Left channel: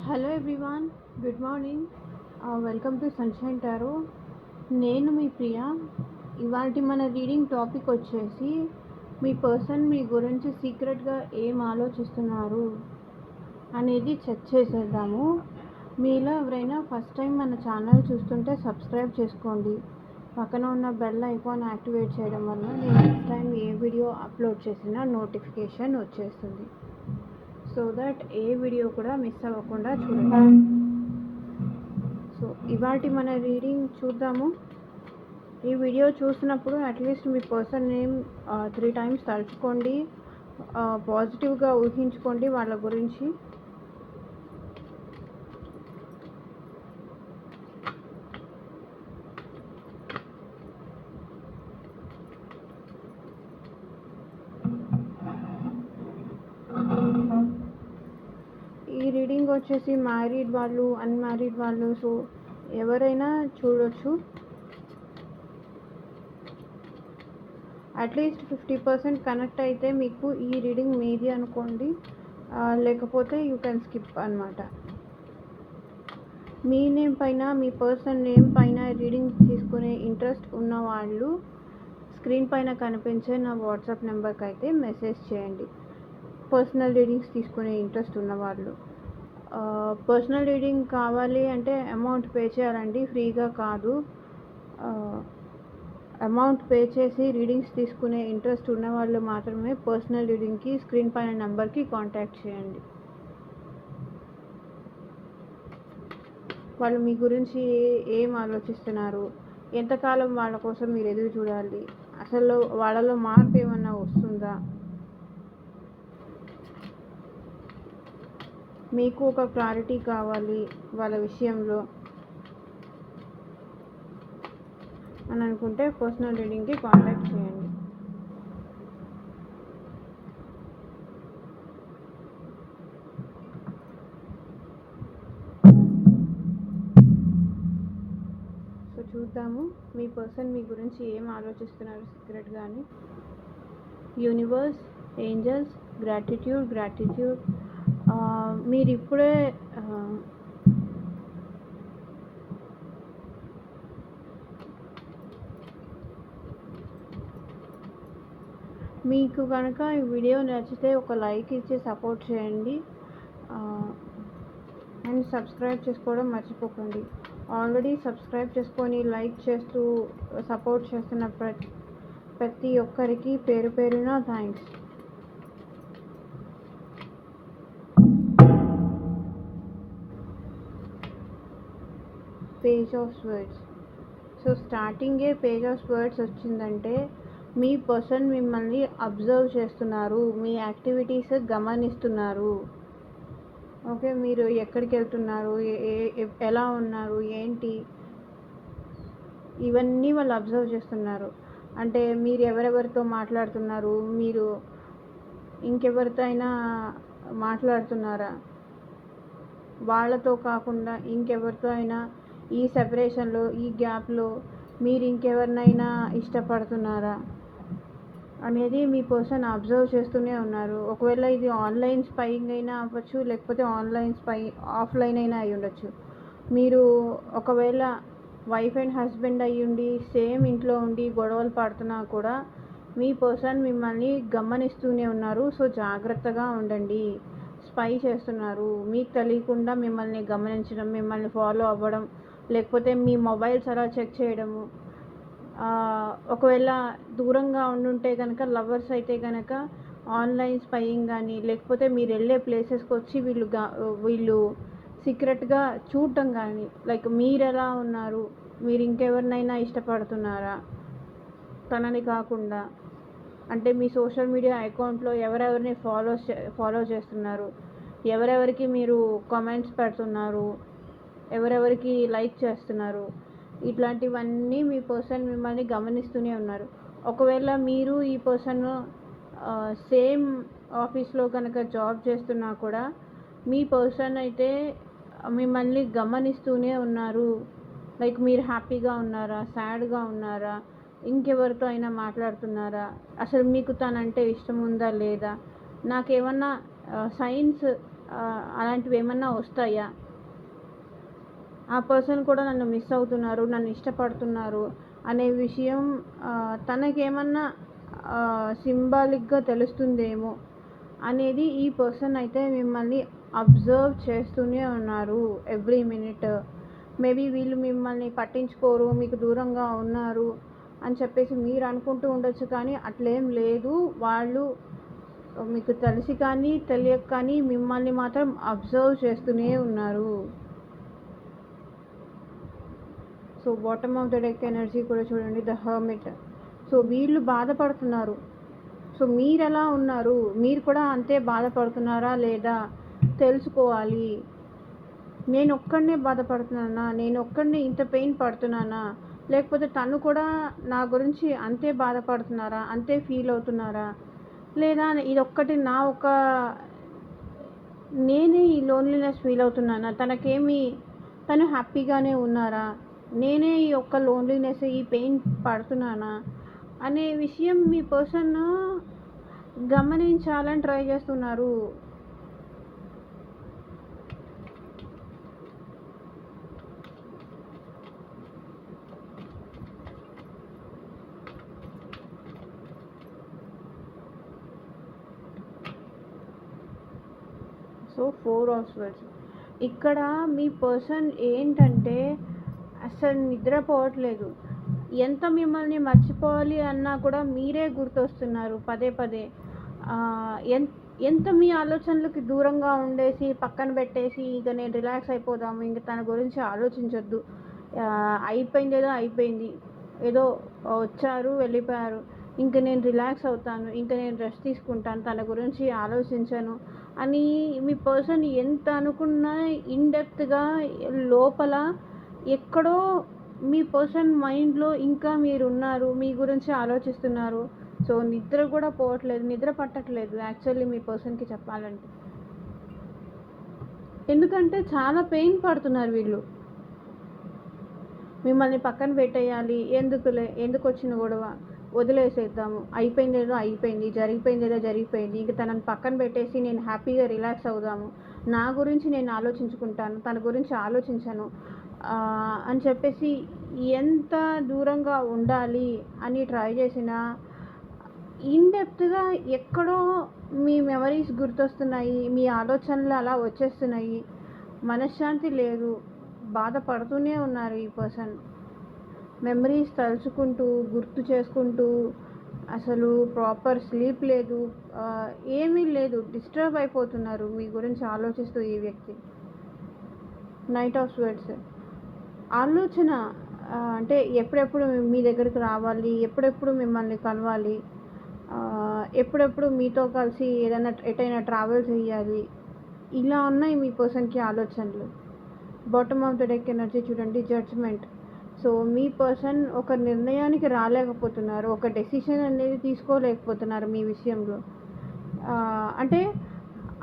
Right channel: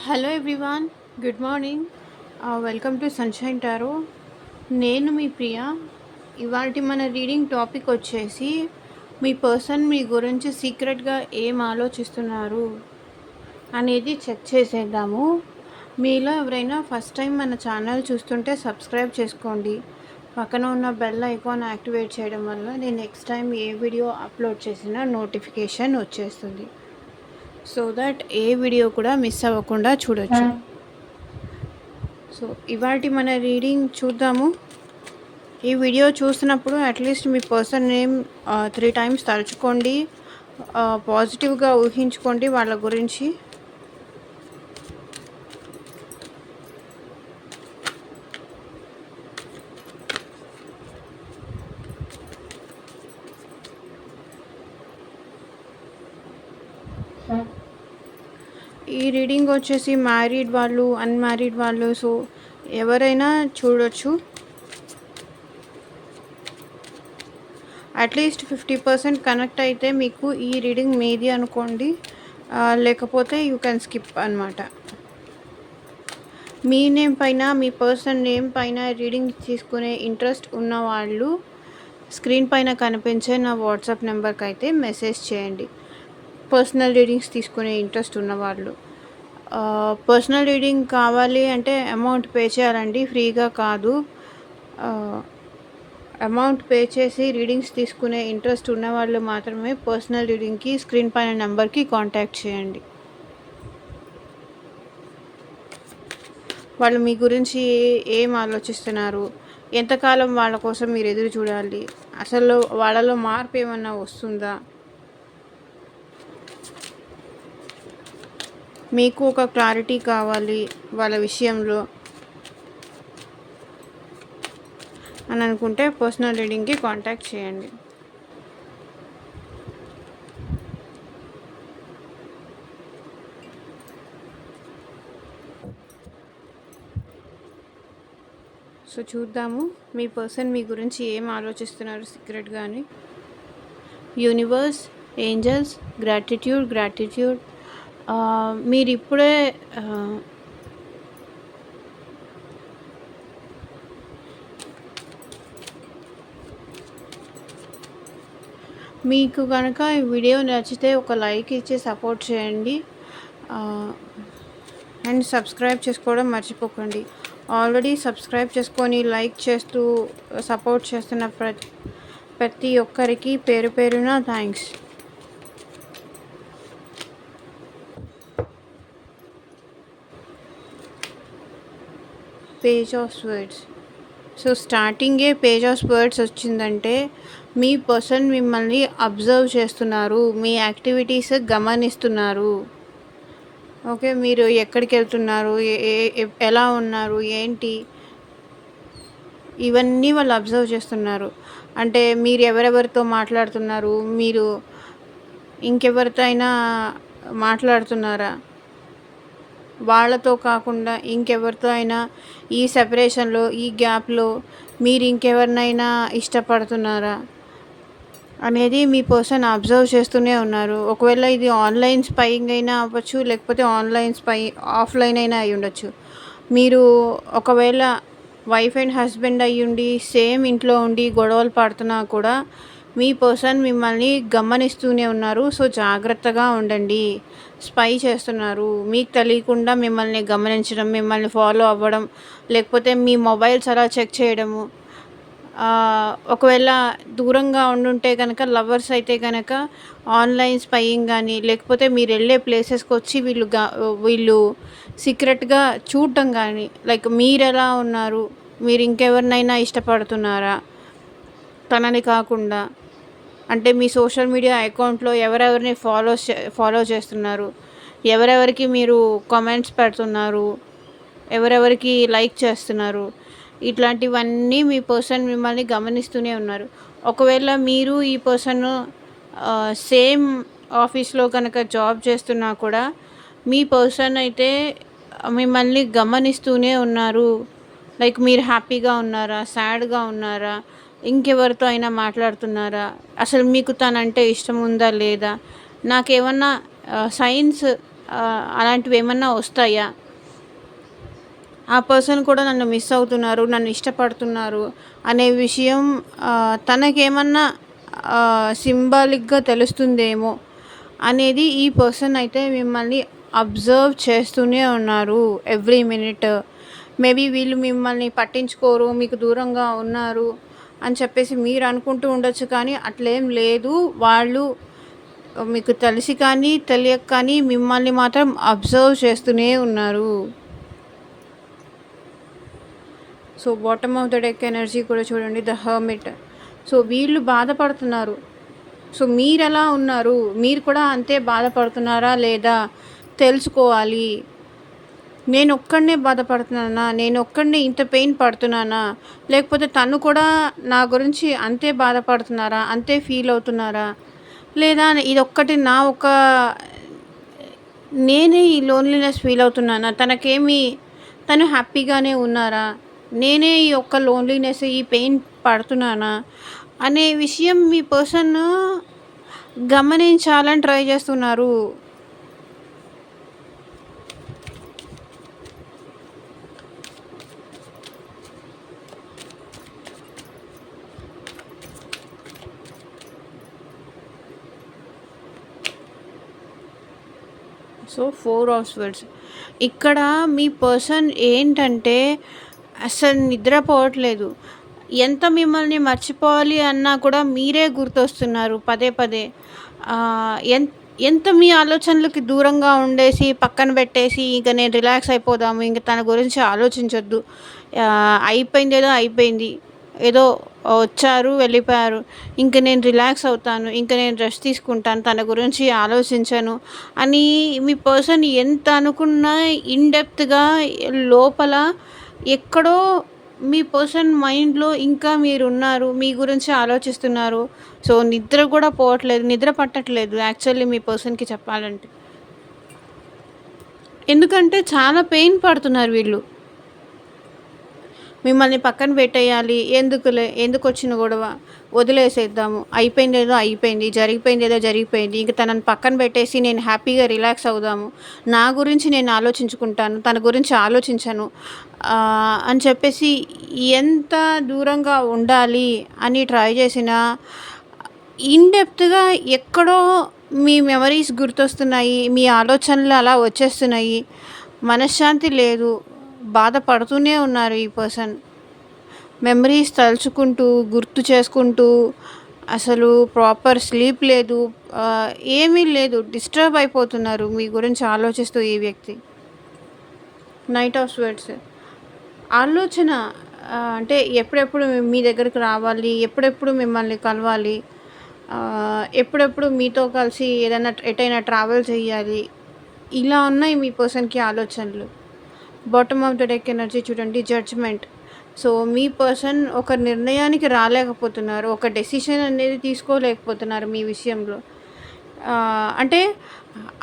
Hello everyone, good morning. Welcome to sunshine tarot. నేను మీ ప్రియ. ఇవాళ మన రీడింగ్ టాపిక్ వచ్చేసి మీ పర్సన్ మీ గురించి సీక్రెట్గా ఏం ఆలోచిస్తున్నారు అనేది చెక్ చేసేద్దాము. మీలో ఎవరైనా ఫస్ట్ టైం మన ఛానల్ చూస్తుంటే సబ్స్క్రైబ్ చేసుకోండి. పక్కన ఉన్న బెల్ ఐకాన్ యాక్టివేట్ చేయడం వల్ల నేను నెక్స్ట్ టైం ఏ వీడియో అప్లోడ్ చేసినా నోటిఫికేషన్ వచ్చేస్తుంది. సో దట్ ఏ వీడియో కూడా మిస్ అవ్వకుండా చూడొచ్చు. సో ఇవాళ మన రీడింగ్ చూద్దాము. ఈ వీడియో చూసినప్పుడు అట్లీస్ట్ మీ పర్సన్ నేమ్ 3 టైమ్స్ తలుచుకోండి, పాజిటివ్గా ఊహించుకోండి వాళ్ళ గురించి. ఈ రీడింగ్ వచ్చేసి మ్యారీడ్ వాళ్ళు, అన్మ్యారీడ్ వాళ్ళు, సో ఎవరైనా చూడొచ్చు. అట్లీస్ట్ 50% కనెక్ట్ అయితే మీకు ఈ రీడింగ్ మీది అనుకోండి, లేకపోతే యూ కెన్ స్కిప్ అనమాట. మీ నేమ్ పైన, మీ పర్సన్ నేమ్ పైన రీడింగ్ తీసుకునే ఇంట్రెస్ట్ ఉన్న వాళ్ళు స్క్రీన్ పైన కనిపించే నా వాట్సాప్ నెంబర్కి అయితే మెసేజ్ చేయండి. పర్సనల్ రీడింగ్స్ తీసుకునే ఇంట్రెస్ట్ ఉన్నవాళ్ళు. పర్సనల్ రీడింగ్ కావాలి అంటే అమౌంట్ పే చేయాలండి, ఫ్రీగా కాదు. అమౌంట్ పే చేసి రీడింగ్స్ తీసుకునే ఇంట్రెస్ట్ ఉన్నవాళ్ళు మాత్రమే పర్సనల్ రీడింగ్కి స్క్రీన్ పైన నెంబర్కి కాంటాక్ట్ చేయండి. వాళ్ళు మీ గురించి ఏం ఆలోచిస్తున్నారు, ఎంతకాలం వాళ్ళ కోసం మీరు ఎదురు చూడాలి, అసలు వాళ్ళలో మార్పు ఏమన్నా వస్తుందా, మీకు ఒక క్లారిటీ కావాలి వాళ్ళ విషయంలో అని అనుకుంటే పర్సనల్ రీడింగ్కి కాంటాక్ట్ చేయండి. సో చూద్దాము మీ పర్సన్ మీ గురించి ఏం ఆలోచిస్తున్నారు సీక్రెట్గా అని. Universe, angels, gratitude. మీరు ఇప్పుడే మీకు కనుక ఈ వీడియో నచ్చితే ఒక లైక్ ఇచ్చి సపోర్ట్ చేయండి, అండ్ సబ్స్క్రైబ్ చేసుకోవడం మర్చిపోకండి. ఆల్రెడీ సబ్స్క్రైబ్ చేసుకొని లైక్ చేస్తూ సపోర్ట్ చేస్తున్న ప్రతి ఒక్కరికి పేరు పేరున thanks. Page of words. So స్టార్టింగే పేజ్ ఆఫ్ వర్డ్స్ వచ్చిందంటే మీ పర్సన్ మిమ్మల్ని అబ్జర్వ్ చేస్తున్నారు, మీ యాక్టివిటీస్ గమనిస్తున్నారు. ఓకే, మీరు ఎక్కడికి వెళ్తున్నారు, ఎలా ఉన్నారు, ఏంటి, ఇవన్నీ వాళ్ళు అబ్జర్వ్ చేస్తున్నారు. అంటే మీరు ఎవరెవరితో మాట్లాడుతున్నారు, మీరు ఇంకెవరితో అయినా మాట్లాడుతున్నారా, వాళ్ళతో కాకుండా ఇంకెవరితో అయినా ఈ సెపరేషన్లో, ఈ గ్యాప్లో మీరు ఇంకెవరినైనా ఇష్టపడుతున్నారా అనేది మీ పర్సన్ అబ్జర్వ్ చేస్తూనే ఉన్నారు. ఒకవేళ ఇది ఆన్లైన్ స్పైయింగ్ అయినా అవ్వచ్చు, లేకపోతే ఆఫ్లైన్ అయినా అయి ఉండొచ్చు. మీరు ఒకవేళ వైఫ్ అండ్ హస్బెండ్ అయ్యుండి సేమ్ ఇంట్లో ఉండి గొడవలు పడుతున్నా కూడా మీ పర్సన్ మిమ్మల్ని గమనిస్తూనే ఉన్నారు. సో జాగ్రత్తగా ఉండండి. స్పై చేస్తున్నారు, మీకు తెలియకుండా మిమ్మల్ని గమనించడం, మిమ్మల్ని ఫాలో అవ్వడం, లేకపోతే మీ మొబైల్స్ అలా చెక్ చేయడము. ఒకవేళ దూరంగా ఉండుంటే కనుక, లవర్స్ అయితే కనుక ఆన్లైన్ స్పైయింగ్ కానీ, లేకపోతే మీరు వెళ్ళే ప్లేసెస్కి వచ్చి వీళ్ళు సీక్రెట్గా చూడటం కానీ, లైక్ మీరు ఎలా ఉన్నారు, మీరు ఇంకెవరినైనా ఇష్టపడుతున్నారా తనని కాకుండా, అంటే మీ సోషల్ మీడియా అకౌంట్లో ఎవరెవరిని ఫాలో చేస్తున్నారు, ఎవరెవరికి మీరు కామెంట్స్ పెడుతున్నారు, ఎవరెవరికి లైక్ చేస్తున్నారు, ఇట్లాంటివన్నీ మీ పర్సన్ మిమ్మల్ని గమనిస్తూనే ఉన్నారు. ఒకవేళ మీరు ఈ పర్సన్ సేమ్ ఆఫీస్లో కనుక జాబ్ చేస్తున్నా కూడా మీ పర్సన్ అయితే మిమ్మల్ని గమనిస్తూనే ఉన్నారు. లైక్ మీరు హ్యాపీగా ఉన్నారా, సాడ్గా ఉన్నారా, ఇంకెవరితో అయినా మాట్లాడుతున్నారా, అసలు మీకు తనంటే ఇష్టం ఉందా లేదా, నాకేమన్నా సైన్స్ అలాంటివి ఏమన్నా వస్తాయా? ఆ పర్సన్ కూడా నన్ను మిస్ అవుతున్నారు, నన్ను ఇష్టపడుతున్నారు అనే విషయం తనకేమన్నా సింబాలిక్గా తెలుస్తుందేమో అనేది ఈ పర్సన్ అయితే మిమ్మల్ని అబ్జర్వ్ చేస్తూనే ఉన్నారు ఎవ్రీ మినిట్. మేబీ వీళ్ళు మిమ్మల్ని పట్టించుకోరు, మీకు దూరంగా ఉన్నారు అని చెప్పేసి మీరు అనుకుంటూ ఉండొచ్చు, కానీ అట్లేం లేదు. వాళ్ళు మీకు తెలిసి కానీ తెలియక కానీ మిమ్మల్ని మాత్రం అబ్జర్వ్ చేస్తూనే ఉన్నారు. So bottom of the deck energy కూడా చూడండి, ద హర్మిట్. సో వీళ్ళు బాధపడుతున్నారు. సో మీరు ఎలా ఉన్నారు, మీరు కూడా అంతే బాధపడుతున్నారా లేదా తెలుసుకోవాలి. నేను ఒక్కడనే బాధపడుతున్నానా, నేను ఒక్కడనే ఇంత పెయిన్ పడుతున్నానా, లేకపోతే తను కూడా నా గురించి అంతే బాధపడుతున్నారా, అంతే ఫీల్ అవుతున్నారా, లేదా ఇదొక్కటి నా ఒక నేనే ఈ లోన్లీనెస్ ఫీల్ అవుతున్నానా, తను హ్యాపీగానే ఉన్నారా, నేనే ఈ ఒక్క లోన్లీనెస్ ఈ పెయిన్ పడుతున్నానా అనే విషయం మీ పర్సన్ గమనించాలని ట్రై చేస్తున్నారు. So 4 of swords. ఇక్కడ మీ పర్సన్ ఏంటంటే అసలు నిద్రపోవట్లేదు. ఎంత మిమ్మల్ని మర్చిపోవాలి అన్నా కూడా మీరే గుర్తొస్తున్నారు పదే పదే. ఎంత మీ ఆలోచనలకి దూరంగా ఉండేసి పక్కన పెట్టేసి ఇక నేను రిలాక్స్ అయిపోదాము, ఇంక తన గురించి ఆలోచించొద్దు, అయిపోయింది ఏదో అయిపోయింది, ఏదో వచ్చారు వెళ్ళిపోయారు, ఇంక నేను రిలాక్స్ అవుతాను, ఇంక నేను రెస్ట్ తీసుకుంటాను, తన గురించి ఆలోచించను అని మీ పర్సన్ ఎంత అనుకున్నా ఇన్‌డెప్త్‌గా లోపల ఎక్కడో మీ పర్సన్ మైండ్‌లో ఇంకా మీరున్నారు, మీ గురించి ఆలోచిస్తున్నారు. సో నిద్ర కూడా పోవట్లేదు, నిద్ర పట్టట్లేదు యాక్చువల్లీ మీ పర్సన్‌కి చెప్పాలంటే. ఎందుకంటే చాలా పెయిన్ పడుతున్నారు వీళ్ళు. మిమ్మల్ని పక్కన పెట్టేయాలి, ఎందుకొచ్చిన గొడవ, వదిలేసేద్దాము, అయిపోయిందేదో అయిపోయింది, జరిగిపోయిందేదో జరిగిపోయింది, ఇంక తనని పక్కన పెట్టేసి నేను హ్యాపీగా రిలాక్స్ అవుదాము, నా గురించి నేను ఆలోచించుకుంటాను, తన గురించి ఆలోచించను అని చెప్పేసి ఎంత దూరంగా ఉండాలి అని ట్రై చేసినా ఇన్‌డెప్త్‌గా ఎక్కడో మీ మెమరీస్ గుర్తొస్తున్నాయి, మీ ఆలోచనలు అలా వచ్చేస్తున్నాయి, మనశ్శాంతి లేదు, బాధపడుతూనే ఉన్నారు ఈ పర్సన్. మెమరీస్ తలుచుకుంటూ, గుర్తు చేసుకుంటూ, అసలు ప్రాపర్ స్లీప్ లేదు, ఏమీ లేదు, డిస్టర్బ్ అయిపోతున్నారు మీ గురించి ఆలోచిస్తూ ఈ వ్యక్తి. Knight of swords. ఆలోచన అంటే ఎప్పుడెప్పుడు మీ దగ్గరికి రావాలి, ఎప్పుడెప్పుడు మిమ్మల్ని కలవాలి, ఎప్పుడెప్పుడు మీతో కలిసి ఎటైనా ట్రావెల్ చేయాలి, ఇలా ఉన్నాయి మీ పర్సన్‌కి ఆలోచనలు. Bottom of the deck energy చూడండి, జడ్జ్‌మెంట్. సో మీ పర్సన్ ఒక నిర్ణయానికి రాలేకపోతున్నారు, ఒక డెసిషన్ అనేది తీసుకోలేకపోతున్నారు మీ విషయంలో. అంటే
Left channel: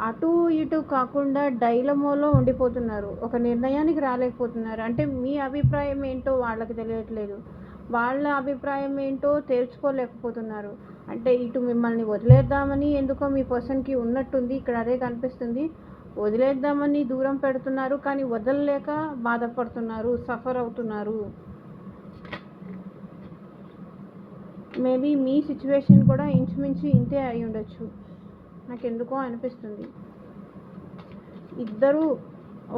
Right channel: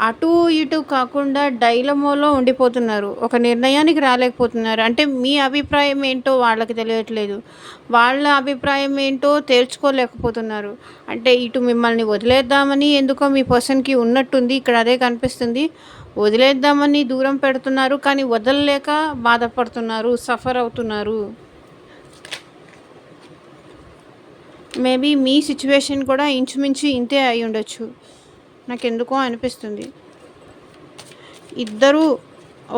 అటు ఇటు కాకుండా డైలమోలో ఉండిపోతున్నారు, ఒక నిర్ణయానికి రాలేకపోతున్నారు. అంటే మీ అభిప్రాయం ఏంటో వాళ్ళకి తెలియట్లేదు, వాళ్ళ అభిప్రాయం ఏంటో తేల్చుకోలేకపోతున్నారు. అంటే ఇటు మిమ్మల్ని వదిలేద్దామని ఎందుకో మీ పర్సన్‌కి ఉన్నట్టుంది, ఇక్కడ అదే కనిపిస్తుంది. వదిలేద్దామని దూరం పెడుతున్నారు, కానీ వదలలేక బాధపడుతున్నారు, సఫర్ అవుతున్నారు. మేబీ మీ సిచ్యువేషన్ కూడా ఇంచుమించు ఇంతే అయి ఉండొచ్చు, నాకెందుకో అనిపిస్తుంది. ఇద్దరూ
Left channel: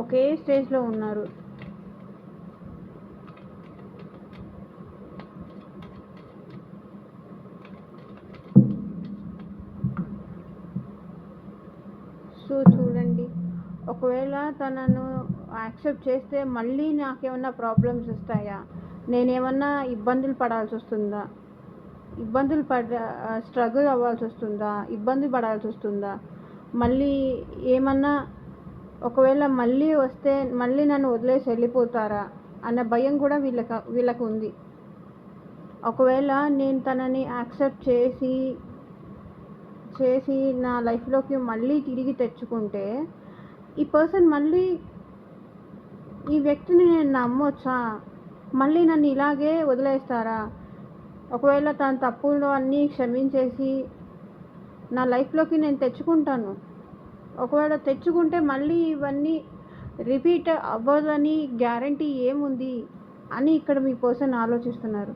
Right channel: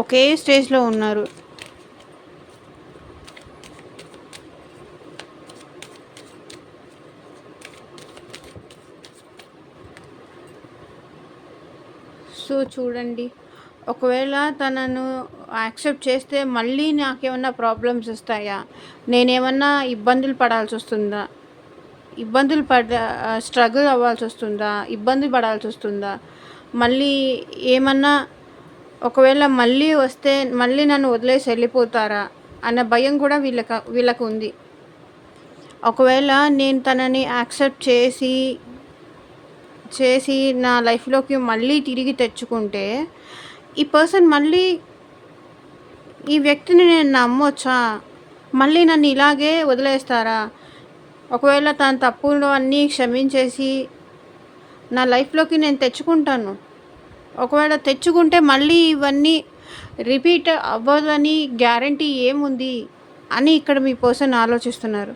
ఒకే స్టేజ్లో ఉన్నారు. సో చూడండి, ఒకవేళ తనను యాక్సెప్ట్ చేస్తే మళ్ళీ నాకేమన్నా ప్రాబ్లమ్స్ వస్తాయా, నేనేమన్నా ఇబ్బందులు పడాల్సి వస్తుందా, స్ట్రగుల్ అవ్వాల్సి వస్తుందా, ఇబ్బంది పడాల్సి వస్తుందా, మళ్ళీ ఏమన్నా ఒకవేళ మళ్ళీ వస్తే మళ్ళీ నన్ను వదిలేసి వెళ్ళిపోతారా అన్న భయం కూడా వీళ్ళకు ఉంది. ఒకవేళ నేను తనని యాక్సెప్ట్ చేసి నా లైఫ్లోకి మళ్ళీ తిరిగి తెచ్చుకుంటే ఈ పర్సన్ మళ్ళీ ఈ వ్యక్తిని నేను నమ్మొచ్చా, మళ్ళీ నన్ను ఇలాగే వదిలేస్తారా, ఒకవేళ తన తప్పులు అన్నీ క్షమించేసి నా లైఫ్లోకి నేను తెచ్చుకుంటాను, ఒకవేళ తెచ్చుకుంటే మళ్ళీ ఇవన్నీ రిపీట్ అవ్వదని గ్యారంటీ ఏముంది అని ఇక్కడ మీ పర్సన్ ఆలోచిస్తున్నారు.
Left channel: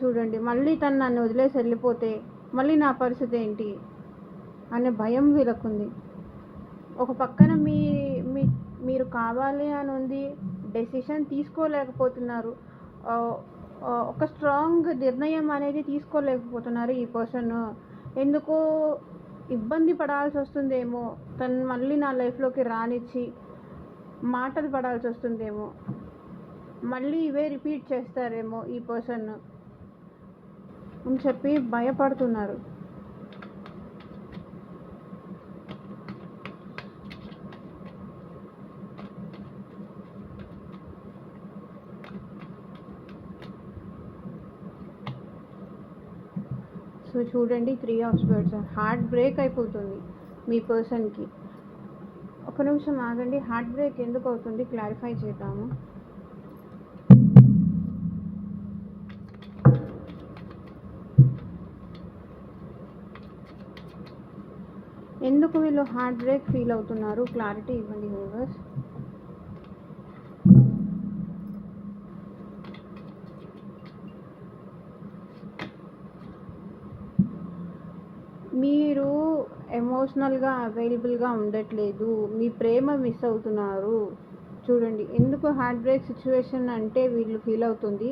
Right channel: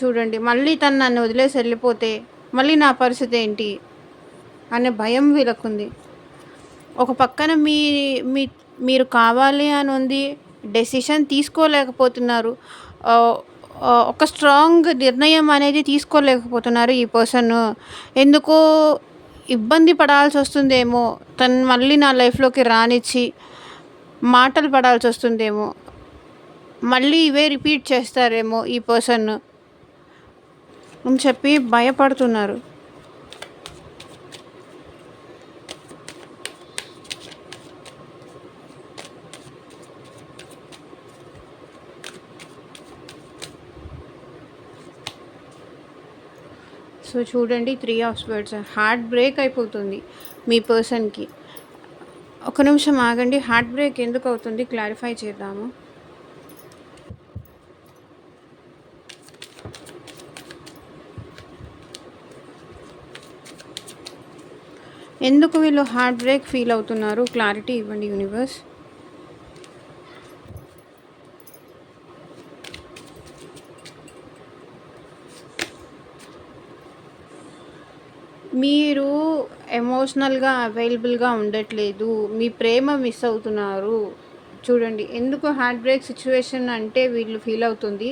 చూడండి, మళ్ళీ తను నన్ను వదిలేసి వెళ్ళిపోతే మళ్ళీ నా పరిస్థితి ఏంటి అనే భయం వీళ్ళకుంది. ఒక పక్కన మీ మీ మీరు కావాలి అని ఉంది, డెసిషన్ తీసుకోలేకపోతున్నారు. ఒక స్ట్రాంగ్ నిర్ణయం అనేది తీసుకోలేకపోతున్నారు ఈ పర్సన్. ఎందుకో ఇబ్బంది పడాల్సి వస్తుందేమో, తను మళ్ళీ నా లైఫ్లోకి రానిచ్చి మాటలు పడాల్సి వస్తుందేమో, మళ్ళీ ఇవే రిపీట్ చేస్తారేమో ఈ పర్సన్ అని చెప్పి భయపడుతున్నారు. సో చూడండి, 3 ఆఫ్ స్వర్డ్స్, హార్ట్ బ్రేక్ అయిపోతుంది మీ పర్సన్కి. ఒక నిమిషం ఆగండి, హార్ట్ బ్రేక్ ఎందుకు అవుతుంది క్లారిఫై చేద్దాము. ఎందుకు వీళ్ళు హార్ట్ బ్రేక్ ఫీల్ అవుతున్నారు, క్లారిటీ ఇవ్వండి యూనివర్స్. మీరు ఎమోషనల్గా అవైలబుల్గా ఉండట్లేదు, మీ ప్రేమ మిస్ అవుతున్నారు. చూడండి, ఎందుకు హార్ట్ బ్రేక్ సిచ్యువేషన్ అంటే వీళ్ళు ఫీల్ అవుతుంది,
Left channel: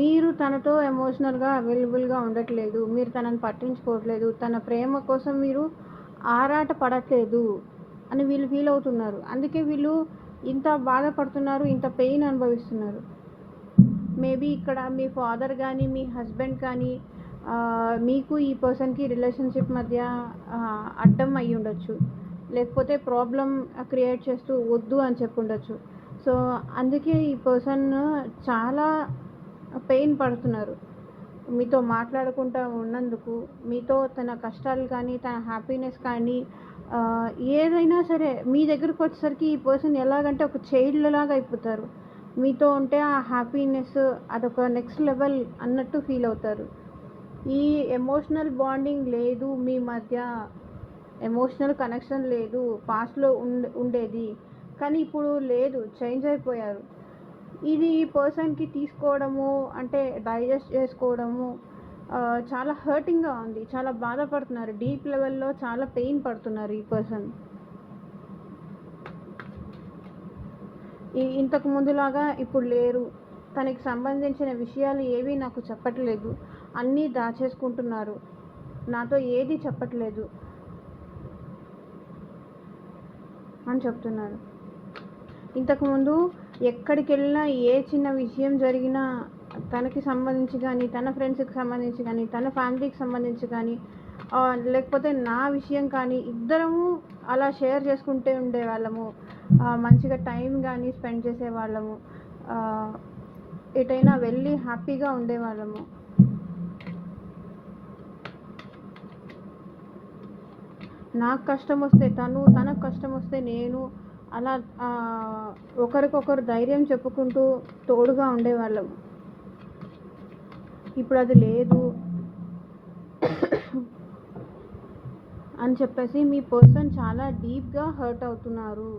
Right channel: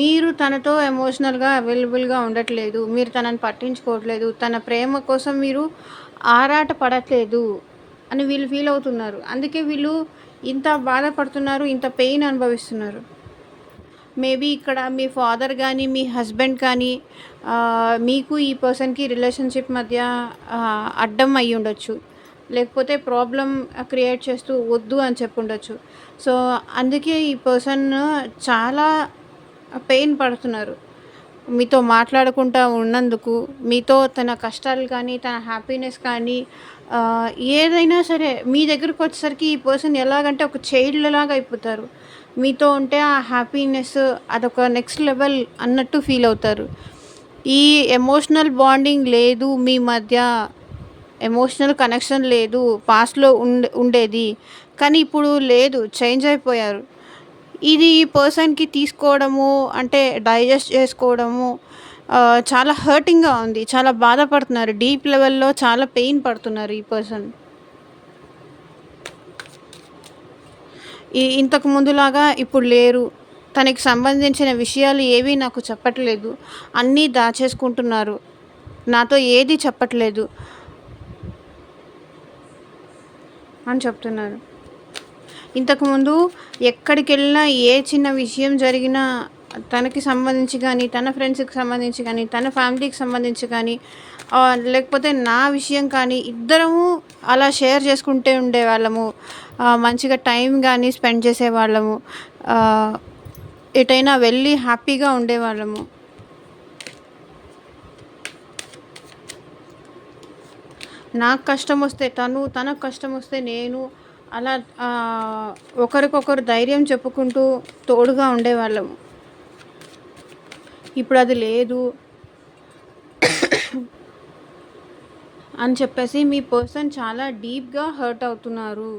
మీరు తనతో ఎమోషనల్గా అవైలబుల్గా ఉండట్లేదు, మీరు తనని పట్టించుకోవట్లేదు, తన ప్రేమ కోసం మీరు ఆరాట పడట్లేదు అని వీళ్ళు ఫీల్ అవుతున్నారు. అందుకే వీళ్ళు ఇంత బాధపడుతున్నారు, ఇంత పెయిన్ అనుభవిస్తున్నారు. మేబీ ఇక్కడ మీ ఫాదర్ కానీ మీ హస్బెండ్ కానీ మీకు ఈ పర్సన్కి రిలేషన్షిప్ మధ్య అడ్డం అయ్యి ఉండొచ్చు, లేకపోతే ప్రాబ్లం క్రియేట్ చేస్తూ వద్దు అని చెప్పి ఉండొచ్చు. సో అందుకే ఈ పర్సన్ చాలా పెయిన్ పడుతున్నారు మీతో మాట్లాడకుండా ఉన్నందుకు. మీతో తన కష్టాలు కానీ తన హ్యాపీనెస్ కానీ ఏదైనా సరే మీ దగ్గరకు వచ్చేసరికి ఈ పర్సన్ ఎలాగంటే ఒక చైల్డ్ లాగా అయిపోతారు. మీతో ఉంటే ఆ హ్యాపీనెస్ అదొక నెక్స్ట్ లెవెల్ అన్నట్టు ఫీల్ అవుతారు. ఈ ఎమోషనల్ బాండింగ్ లేదు మీ మధ్య, ఎమోషనల్ కనెక్షన్ లేదు. పాస్ట్లో ఉండేది కానీ ఇప్పుడు లేదు, చేంజ్ అయిపోయారు. ఇది ఈ పర్సన్కి తీసుకోవడము అంటే డైజెస్ట్ చేసుకోవడము చాలా హర్టింగ్గా ఉంది, చాలా బాధపడుతున్నారు, డీప్ లెవెల్లో చాలా పెయిన్ పడుతున్నారు ఈ పర్సన్. ఇంతకు ముందులాగా ఇప్పుడు లేరు, తనకి సంబంధించిన విషయాలు ఏవి నాకు చెప్పట్లేదు, అన్నీ దాచేసుకుంటున్నారు, నాతో ఏది చెప్పట్లేదు అని చెప్తున్నారు. ఇంతకుముందు ఎక్కడికి వెళ్ళినా ఏ చిన్న విషయం జరిగినా తనకి సంబంధించి కానీ తన ఫ్రెండ్స్కి సంబంధించి కానీ తన ఫ్యామిలీకి సంబంధించి కానీ లేకపోతే నా విషయం కానీ ఇద్దరము అలా షేర్ చేసుకుంటే ఉండేవాళ్ళము. మంచిగా టైం కానీ స్పెండ్ చేసేవాళ్ళము, ఎటైనా వెళ్ళి హ్యాపీగా ఉండేవాళ్ళము. నాకు కష్టం వస్తే తను, తనకు కష్టం వస్తే నేను, అలా ఒకరికొకరు ధైర్యం చెప్పుకుంటూ తోడుగా ఉండేవాళ్ళము. ఇప్పుడు అది లేదు అని చెప్పేసి మీ పర్సన్ చాలా డీప్గా హర్ట్ అవుతున్నారు,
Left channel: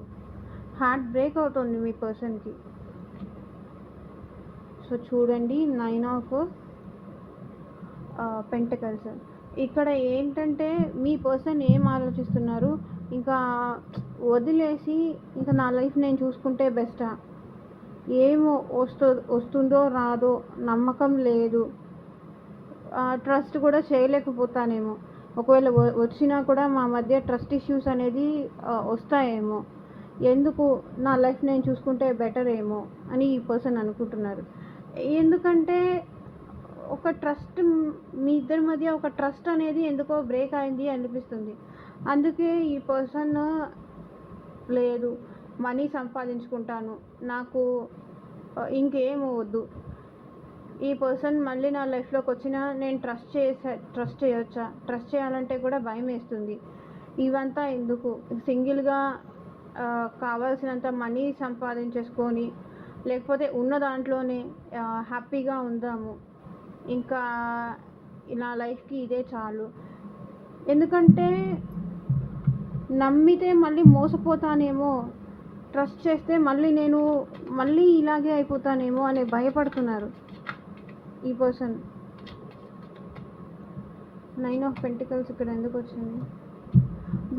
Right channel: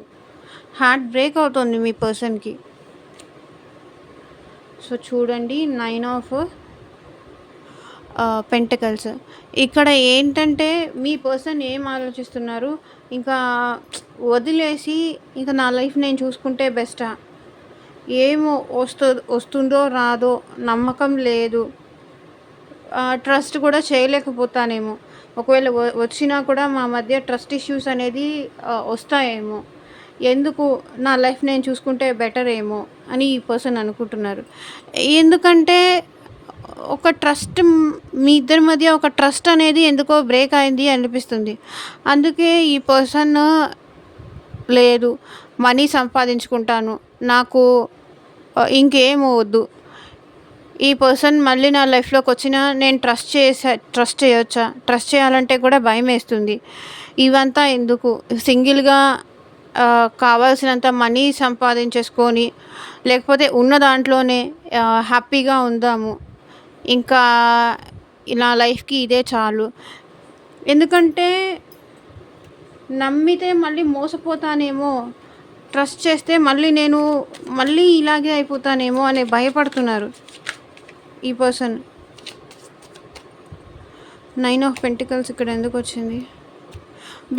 హార్ట్ బ్రేక్ అవుతుంది మీ పర్సన్కి. సో చూడండి, 9 ఆఫ్ పెంటకల్స్. ఇక్కడ ఏంటంటే మీ పర్సన్ ఏం ఆలోచిస్తున్నారు, ఇంకా వదిలేసి ఇంకా నా లైఫ్ నేను చూసుకుంటే బెస్టా, ఏమో వస్తుందో రాదో నమ్మకం లేదు, ట్రస్ట్ కూడా చేయలేకపోతానేమో, ఒకవేళ వచ్చినా కూడా మా మధ్య ట్రస్ట్ ఇష్యూస్ అనేది వస్తాయేమో, ఎందుకు నా లైఫ్ నేను చూసుకుంటే బెటర్ ఏమో అని ఈ పర్సన్ అనుకుంటున్నారు. ఎందుకంటే ఒక ట్రస్ట్, మీ ఇద్దరి మధ్య ఒక ట్రస్ట్ అనేది ఎందుకో బ్రేక్ అయింది అనిపిస్తుంది. అందుకే ఈ పర్సన్ లేదు, మనీ సంపాదించుకుంటాను, నాకు ఇంకేం వద్దు, ఈ పర్సన్ మళ్ళీ నా లైఫ్లోకి వచ్చినా నేను ట్రస్ట్ చేయొచ్చా, ట్రస్ట్ చేయాలంటే కూడా భయం వేస్తుంది, ఇవంతా ఎందుకు, సింగిల్గా కావాల్సినంత మనీ సంపాదించేసుకొని లేకపోతే ఉన్న దాంట్లోనే హ్యాపీగా ఉందాము, ఇంకా నా లైఫ్కి ఇదే చాలు. ఎందుకంటే నమ్మితే మళ్ళీ మోసపోతానేమో, ట్రస్ట్ చేస్తే మళ్ళీ ఇలాగే అయిపోతానేమో అని భయపడుతున్నారు ఈ పర్సన్. 9 ఆఫ్ పెంటికల్స్ ఇక్కడ ఎందుకు వచ్చింది?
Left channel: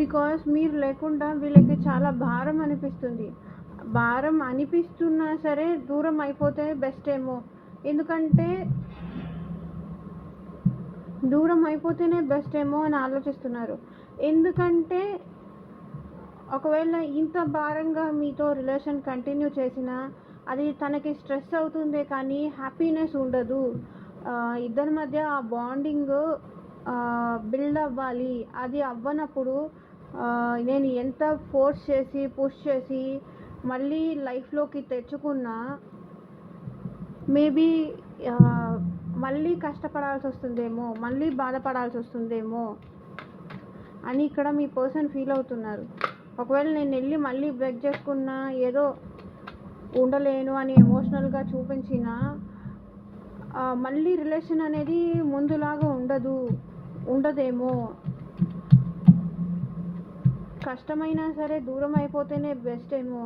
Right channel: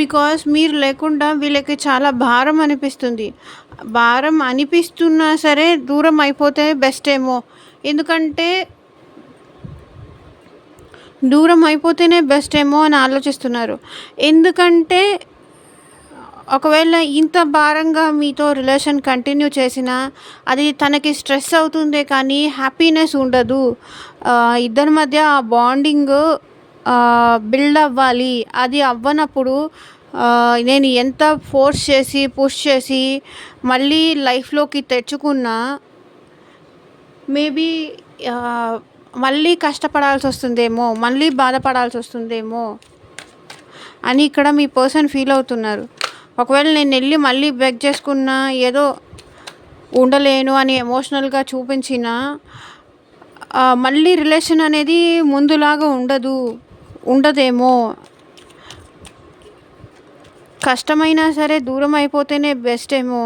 బికాస్ మీరు లేకుండా వీళ్ళకి చాలా భారం అనిపిస్తుంది. భారం అనిపిస్తున్నా సరే దూరం అయిపోతే బెస్ట్ ఏమో. ఎందుకంటే దూరం అయిపోతేనే బెస్ట్ ఏమో అని ఆలోచిస్తున్నారు. ఎందుకంటే ఒకవేళ ఇంత భారంగా మీతో రిలేషన్ కంటిన్యూ చేసినా అది తనకి స్ట్రెస్ అవుతుందే కానీ హ్యాపీనెస్ ఉండదు. ఇద్దరి మధ్య ఆ బాండింగ్ బిల్డ్ అవ్వాలి. అది అవ్వనప్పుడు నేను ఎంత ఫోర్స్ చేసి పుష్ చేసి మళ్ళీ లైఫ్లోకి తెచ్చుకున్నా మేబీ మళ్ళీ కష్టపడాల్సి వస్తుందేమో, మళ్ళీ బాధపడాల్సి వస్తుందేమో అని ఇక్కడ మీ పర్సన్ ఫీల్ అవుతున్నారు. ఒకవేళ నేను వెళ్ళి మళ్ళీ బెగ్ చేసుకున్నా, ఏదో ఉండలేను అని ఎమోషనల్గా చూపించినా మళ్ళీ రిలేషన్ అనేది ముందులాగా ఉండదేమో. కష్టమైనా సరే దూరం అయిపోతేనే బెస్ట్ ఏమో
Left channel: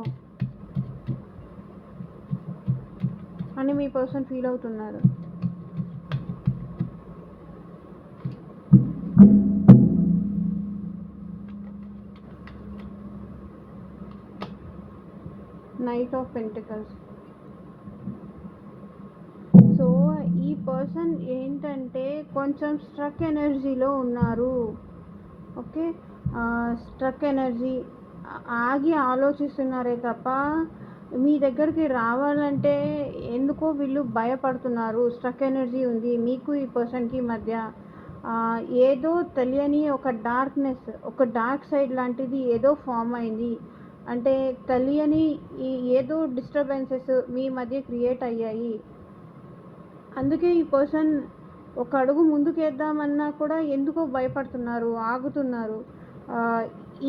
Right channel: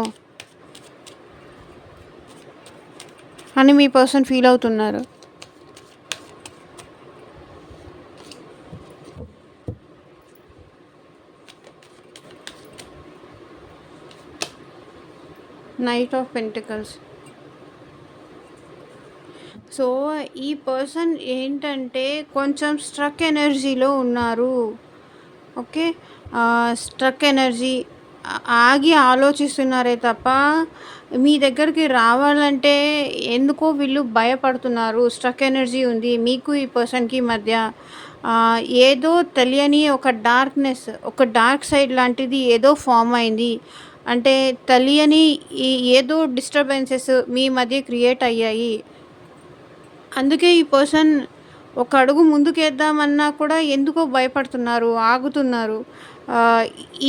అని మీ పర్సన్ ఫీల్ అవుతున్నారు. Knight of pentacles. సో ఈ పర్సన్ ఏంటంటే కొంచెం స్ట్రక్ ఎనర్జీలో ఉన్నారు. ఓకే, స్ట్రక్ ఎనర్జీ, ఆగి ఆలోచిస్తున్నారే తప్ప మీ దగ్గరికి రావాలంటే ఎందుకో వీళ్ళు భయపడుతున్నారు. స్ట్రక్ ఎనర్జీ ఉంది మీకు ఈ పర్సన్కి మధ్య. ఏదో తెలియని ఒక డార్క్నెస్, ఒక డార్క్ సైడ్ లాంటిది ఏదో ఫామ్ అయింది. అంటే తెలియని ఏదో డిస్టర్బెన్సెస్ మీ మధ్య క్రియేట్ అయ్యాయి. అందుకే ఈ పర్సన్ ఒక అడుగు ముందుకేద్దామన్నా కూడా ఎందుకో భయపడుతున్నారు, ఆగుతున్నారు.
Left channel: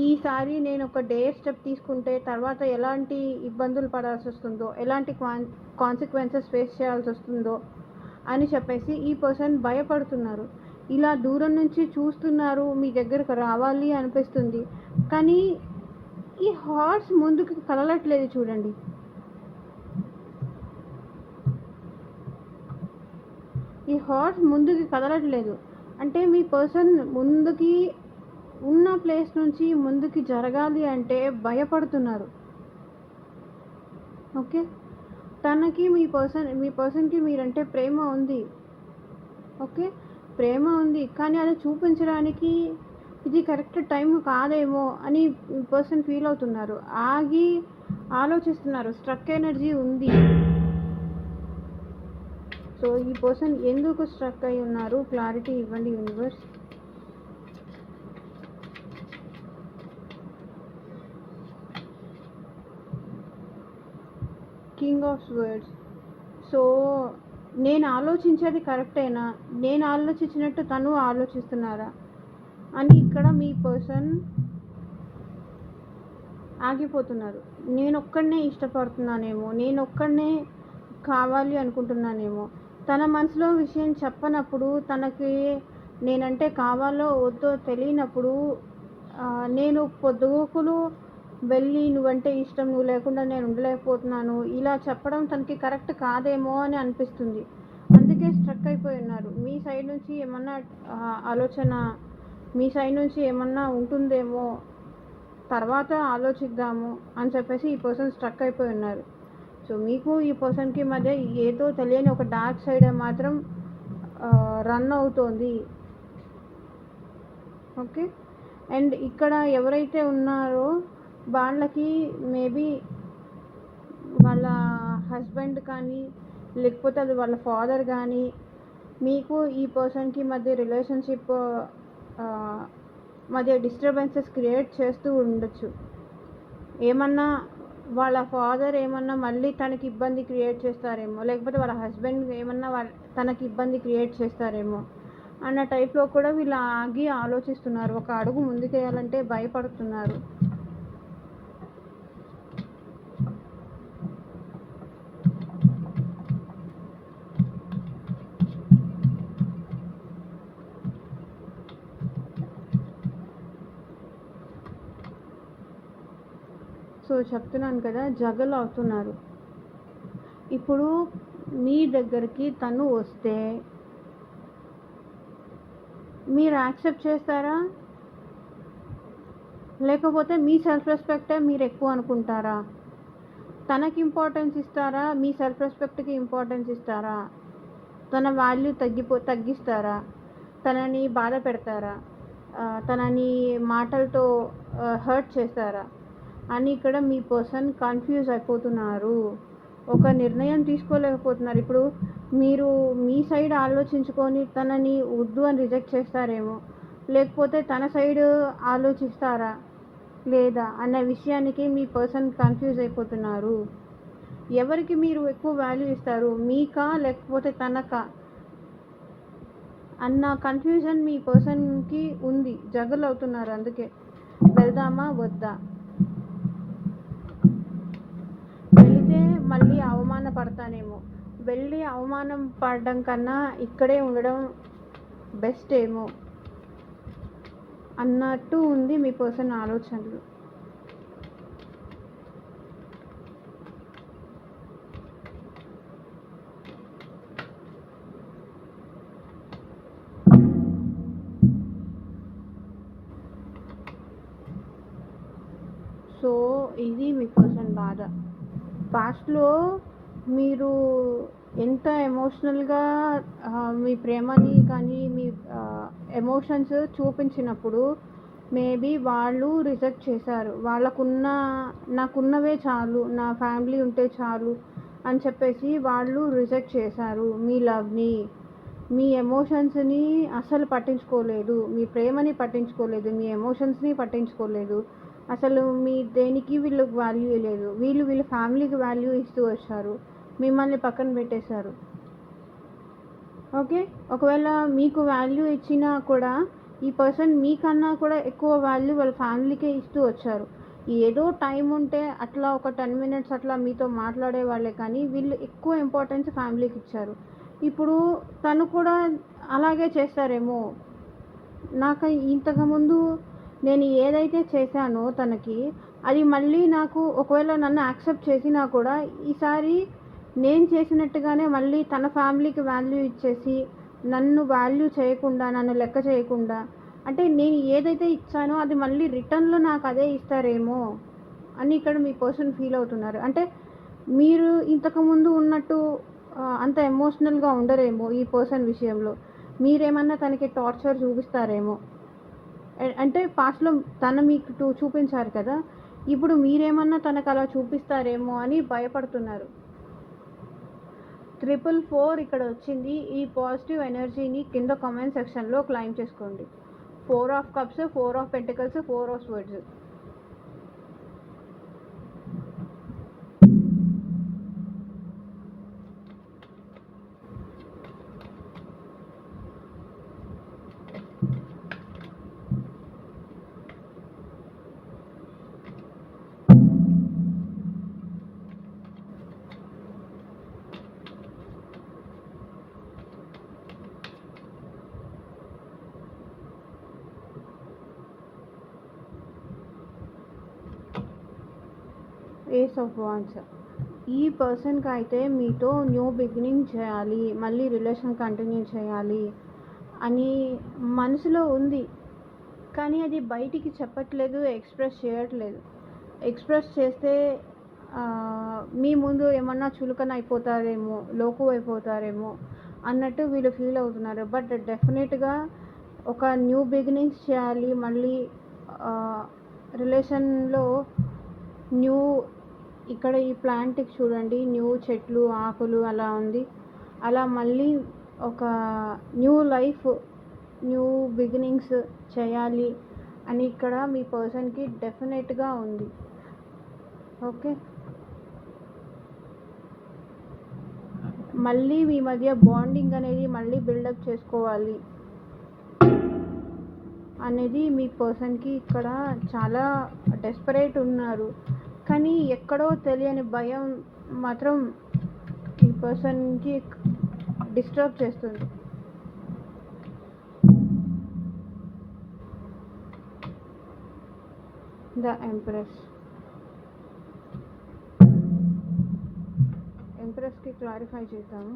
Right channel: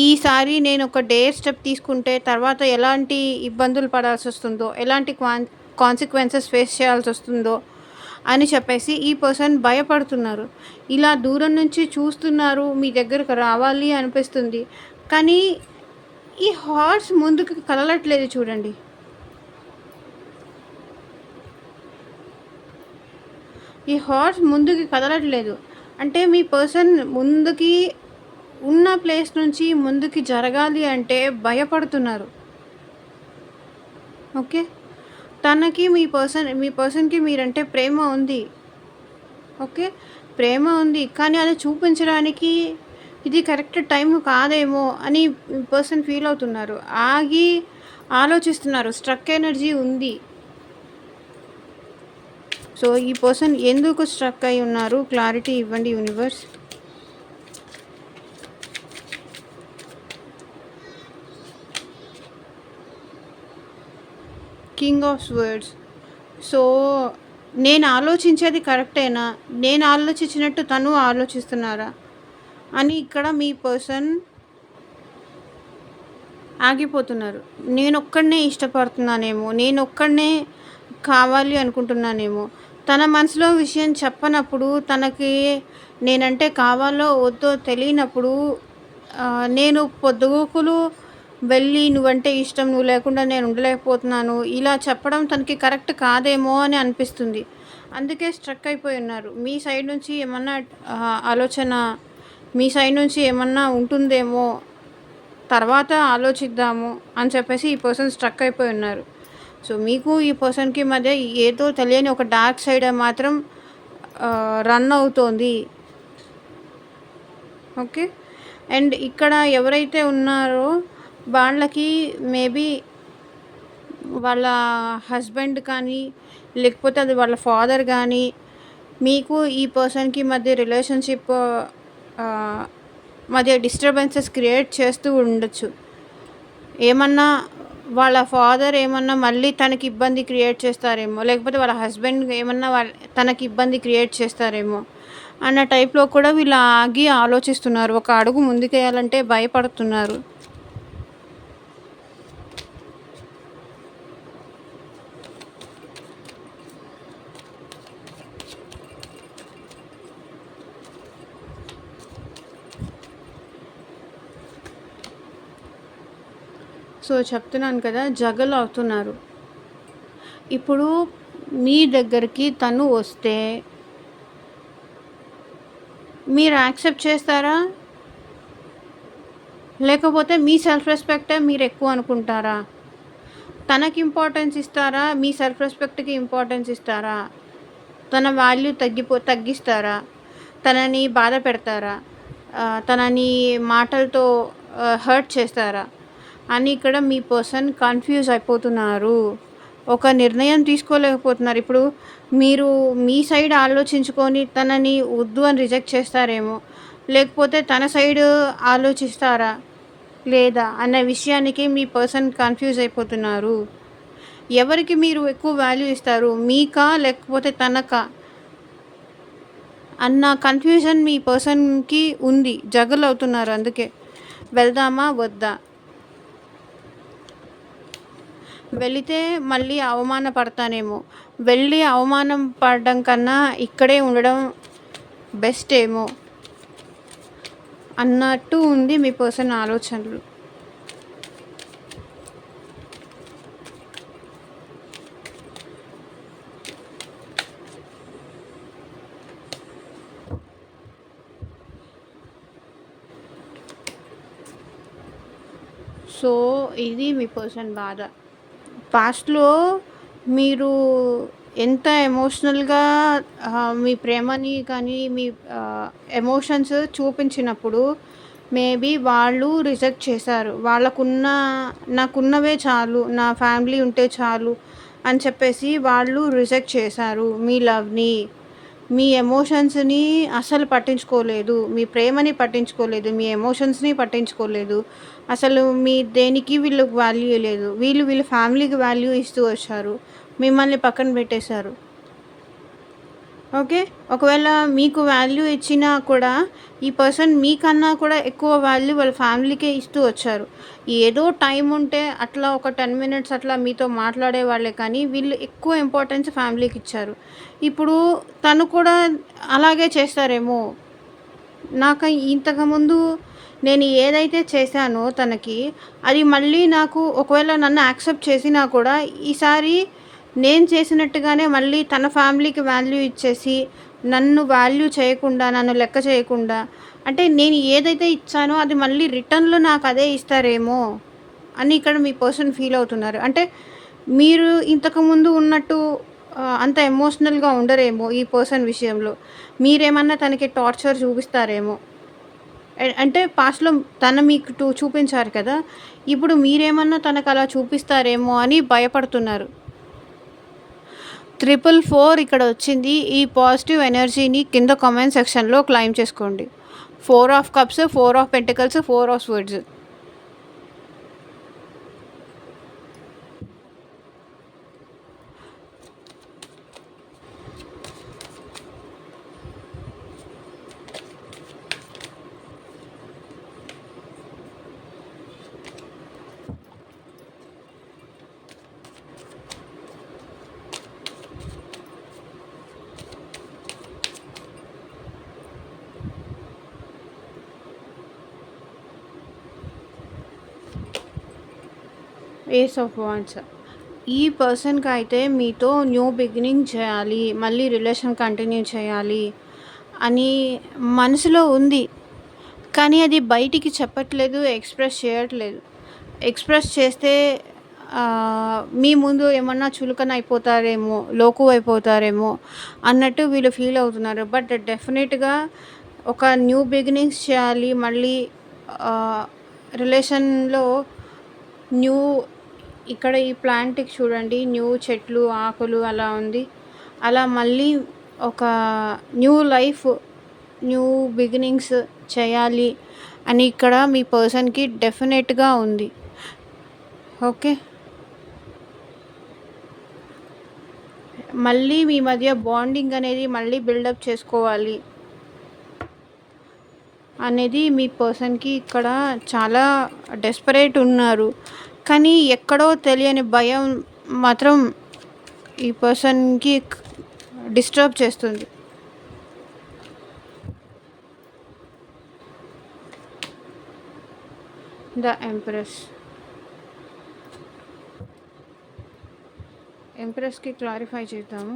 ఈసారి నేను ఒక డేర్ స్టెప్ తీసుకుంటే తర్వాత ఎలాంటి ఇబ్బందులు పడాల్సి వస్తుందో, ఎలాంటి కాన్సిక్వెన్సెస్ ఫేస్ చేయాల్సి వస్తుందో అని చెప్పేసి ఈ పర్సన్ భయపడుతున్నారు. ఇలా దూరం నుంచి చూస్తున్నారు, మీ దగ్గరకు రావాలి అనిపిస్తుంది. కానీ ఈ హార్స్ ముందుకు కదలట్లేదు చూడండి. ఈ హార్స్ ముందుకి కదలట్లేదు అంటే మీ పర్సన్ ముందుకి ఉన్న ప్లేస్ నుంచి ముందుకి జరగాలి అంటే భయపడుతున్నారు. ఓకే, తనకి మీ పర్సన్కి మీరంటే ప్రేమ ఉంది. ఓకే, ప్రేమ ఉంది, కానీ అది చూపించడానికి ఇది కరెక్ట్ టైం కాదేమో అని పర్సన్ ఫీల్ అవుతున్నారు. ఆగి ఆలోచిస్తున్నారు, స్ట్రక్ ఎనర్జీ ఉంది. సో ఈ పర్సన్ ఎందుకు స్ట్రక్ అయి ఉన్నారు, క్లారిటీ ఇవ్వండి universe. King of swords. So నేను ఆలోచించేది కరెక్టేనా, నేను ఆలోచించినట్టు తను ఆలోచిస్తున్నారా అని ఇక్కడ మీ పర్సన్ ఆగిపోతున్నారు. నేను ఒక్కడనే ఇష్టపడుతున్నానేమో, నేను ఒక్కడనే కావాలి అనుకుంటున్నానేమో. తన మనసులో విషయం చెప్పనప్పుడు, తనకి నేనంటే కావాలో వద్దో తెలియనప్పుడు నేను పొద్దుగూకులు వెళ్ళి నువ్వంటే ఇష్టం, నువ్వు లేకుండా నేను ఉండలేకపోతున్నాను ఇలా చెప్పడం తనకి కరెక్ట్ కాదేమో అని అనిపిస్తుంది. అందుకే స్ట్రక్ అయిపోయి ఉన్నారు. మీ సైడ్ నుంచి ఏమన్నా ఆలోచన, మీ సైడ్ నుంచి ఏమన్నా ఉంటుందేమో, తర్వాత ఆలోచిద్దాము అని చెప్పేసి ఈ పర్సన్ స్ట్రక్ అయిపోయి ఉన్నారు. సో మీకు ఈ పర్సన్కి మధ్య ఏదో తెలియని ఒక డార్క్ సైడ్ మాత్రం రన్ అవుతోంది. ఓకే, అండ్ ఇక్కడ ఎవరైతే ఉన్నారో వాళ్ళకి మేబీ వాళ్ళ హస్బెండ్ కానీ లేకపోతే అది వాళ్ళ ఫాదర్ కానీ మీకు ఈ పర్సన్కి మధ్య రిలేషన్షిప్ మధ్య డిస్టర్బెన్సెస్ క్రియేట్ చేస్తూ ఉండొచ్చు. ఏమన్నా వాళ్ళ ఫాదర్ ఏమన్నా మళ్ళీ తనకి ఇబ్బంది క్రియేట్ చేస్తారేమో, లేకపోతే వాళ్ళ హస్బెండ్ ఏమన్నా తనకి ఇబ్బంది క్రియేట్ చేస్తారేమో అన్న టైప్లో కూడా వీళ్ళు ఆగి ఆలోచిస్తున్నారు. ఒక అడుగు ముందుకేయాలంటే భయపడుతున్నారు. సో చెప్తున్నాను కదా, జగల్ అవుతున్నారు. ఇప్పుడు మీ దగ్గరికి తను వస్తే మీరు యాక్సెప్ట్ చేస్తారా? లేకపోతే మీ సెల్ఫ్ రెస్పెక్టే మీరు ఎక్కువ అనుకుంటారా? తనకి ఇంపార్టెన్స్ ఇస్తారా? మీ సెల్ఫ్ రెస్పెక్ట్‌కి ఇంపార్టెన్స్ ఇస్తారా? తన వాల్యూ తగ్గిస్తారా? తనని బాధ పెడతారా? తనని మాటలతో హర్ట్ చేస్తారా? అని ఇక్కడ మీ పర్సన్ కన్‌ఫ్యూజ్ అయిపోతున్నారు. ఒక నిర్ణయం తీసుకోలేకపోతున్నారు. ఇప్పుడు మీరు మీ సైడ్ ఆలోచించుకొని తనని వద్దు అని రిజెక్ట్ చేస్తారేమో. లేకపోతే తన సైడ్ ఆలోచిస్తారా? లేదా? అన్న విషయానికి మీ పర్సన్ కన్‌ఫ్యూజ్ అయిపోతున్నారు. ఎవరికి మీరు ఎక్కువ వాల్యూ ఇస్తారు? మీకా? లేకపోతే తనకా? అన్న కన్‌ఫ్యూజన్ మీ పర్సన్‌కి ఉంది. జగల్ అవుతున్నారు అందుకే. వెళ్దామా? వద్దా? వెళితే మళ్ళీ అవమానపడతానేమో. వెళ్ళి అవమానం పడడం కన్నా ఇక్కడే ఉండడం బెస్ట్ ఏమో అన్నట్టు ఉంది మీ పర్సన్ ఆలోచనలు. సో ఇది మీ పర్సన్ బాధ. పాస్ట్‌లో మీరు ఎంత ఎమోషనల్‌గా మీ ప్రేమని కానీ, మీ ఎమోషన్స్ చూపించినప్పుడు మేబీ వాళ్ళు రిజెక్ట్ చేశారు. నాకున్నవే చాలు, నా ఫ్యామిలీ ఉంటే చాలు అని చెప్పేసి వాళ్ళు రిజెక్ట్ చేశారు మీ లవ్‌ని. మీ ఎమోషన్స్‌ని అస్సలు పట్టించుకోలేదు. మీ ప్రేమని పట్టించుకోలేదు. మీ ఎమోషన్స్‌ని పట్టించుకోలేదు. అసలు మీ దేనికి వీళ్ళకి వాల్యూ లేదు. వీళ్ళ ఫ్యామిలీకి వాల్యూ ఇస్తూ వచ్చారు. మిమ్మల్ని పక్కన పెట్టేశారు. ఓకే. ఒకవేళ మీకు వాల్యూ ఇచ్చినా కూడా ఈ పర్సన్ మీకన్నా కూడా ఎక్కువ వాల్యూ వాళ్ళ ఫ్యామిలీకే ఇస్తూ వచ్చారు. ఏదో టైం ఉంటే అట్లా ఒక 10 మినిట్స్ అట్లా మీతో మాట్లాడేవాళ్ళే కానీ వీళ్ళు ఎక్కువ ఇంపార్టెన్స్ ఫ్యామిలీకి ఇచ్చారు. ఇప్పుడు తను కూడా అలాగే చేస్తారేమో. నాకు ఇంతకుముందు నేను ఏదైతే చేశానో తనకి, అది మళ్ళీ నాకు ఒకవేళ నన్ను యాక్సెప్ట్ చేసినా కూడా ఈసారి నేను చేసినట్టుగానే మళ్ళీ తన ఫ్యామిలీకి వాల్యూ ఇచ్చేసి, నన్ను వాల్యూ చేయకుండా, నన్ను లెక్క చేయకుండా, అంటే నేను ఏదైతే ఇచ్చానో అది మళ్ళీ రిటర్న్‌లో నాకు అదే ఇస్తారేమో అని ఇక్కడ మీ పర్సన్ ఫీల్ అవుతున్నారు. అంటే మీరు ఇంతకుముందు ఉన్నట్టు అంత ఎమోషనల్‌గా ఉండరేమో ఈ పర్సన్ విషయంలో. మీరేమన్నా తనకి టార్చర్ చూపిస్తారేమో. అంటే పాస్ట్‌లో తను మీకు చూపించారు కదా! ఇప్పుడు మీరేమన్నా తనకలా చూపిస్తారేమో అని భయపడుతున్నారు. 444 ఇక్కడ వచ్చింది. ఈ పాజిటివ్ ఎనర్జీని కింద కామెంట్ సెక్షన్‌లో క్లెయిమ్ చేసుకోండి. 4 of cups, 4 of pentacles, 4 of swords. Ace of wands. ఈ పర్సన్‌కి అయితే మీతో న్యూ బిగినింగ్ చేయాలి, మళ్ళీ రిలేషన్ కంటిన్యూ చేయాలి అని మనసులో ఉంది. కానీ అది బయటికి చెప్పట్లేదు, ఎక్స్‌ప్రెస్ చేయట్లేదు. ఎక్స్‌ప్రెస్ చేస్తే మీ ముందు ఏమన్నా చులకన అయిపోతారేమో, లోకువ అయిపోతారేమో అన్నట్టు వీళ్ళు ఫీల్ అవుతున్నారు. బట్ డెఫినెట్‌గా ఒక న్యూ బిగినింగ్స్ చేయాలి. మళ్ళీ రిలేషన్‌లో న్యూ ఇక్కడ ఈ ప్లాంట్‌కి చూడండి, న్యూ చెట్లు, ఆకులు అలా ఉంది. అలా మళ్ళీ ఒక న్యూ లైఫ్, న్యూ బిగినింగ్స్ చేయాలి అని ఇక్కడ మీ పర్సన్‌కి డెఫినెట్‌గా ఉంది. ఓకే. మళ్ళీ మీ మధ్య బాండింగ్ అనేది మళ్ళీ బిల్డప్ చేసుకోవాలి అనేది మీ పర్సన్‌కి ఇక్కడ చాలా డెస్పరేట్ ఉన్నారు. కానీ ఎక్కడో తెలియని భయం మాత్రం ఈ పర్సన్‌కి డిస్టర్బ్ చేస్తుంది. The empress. ఎంప్రెస్‌కి క్లారిఫై చేద్దాము.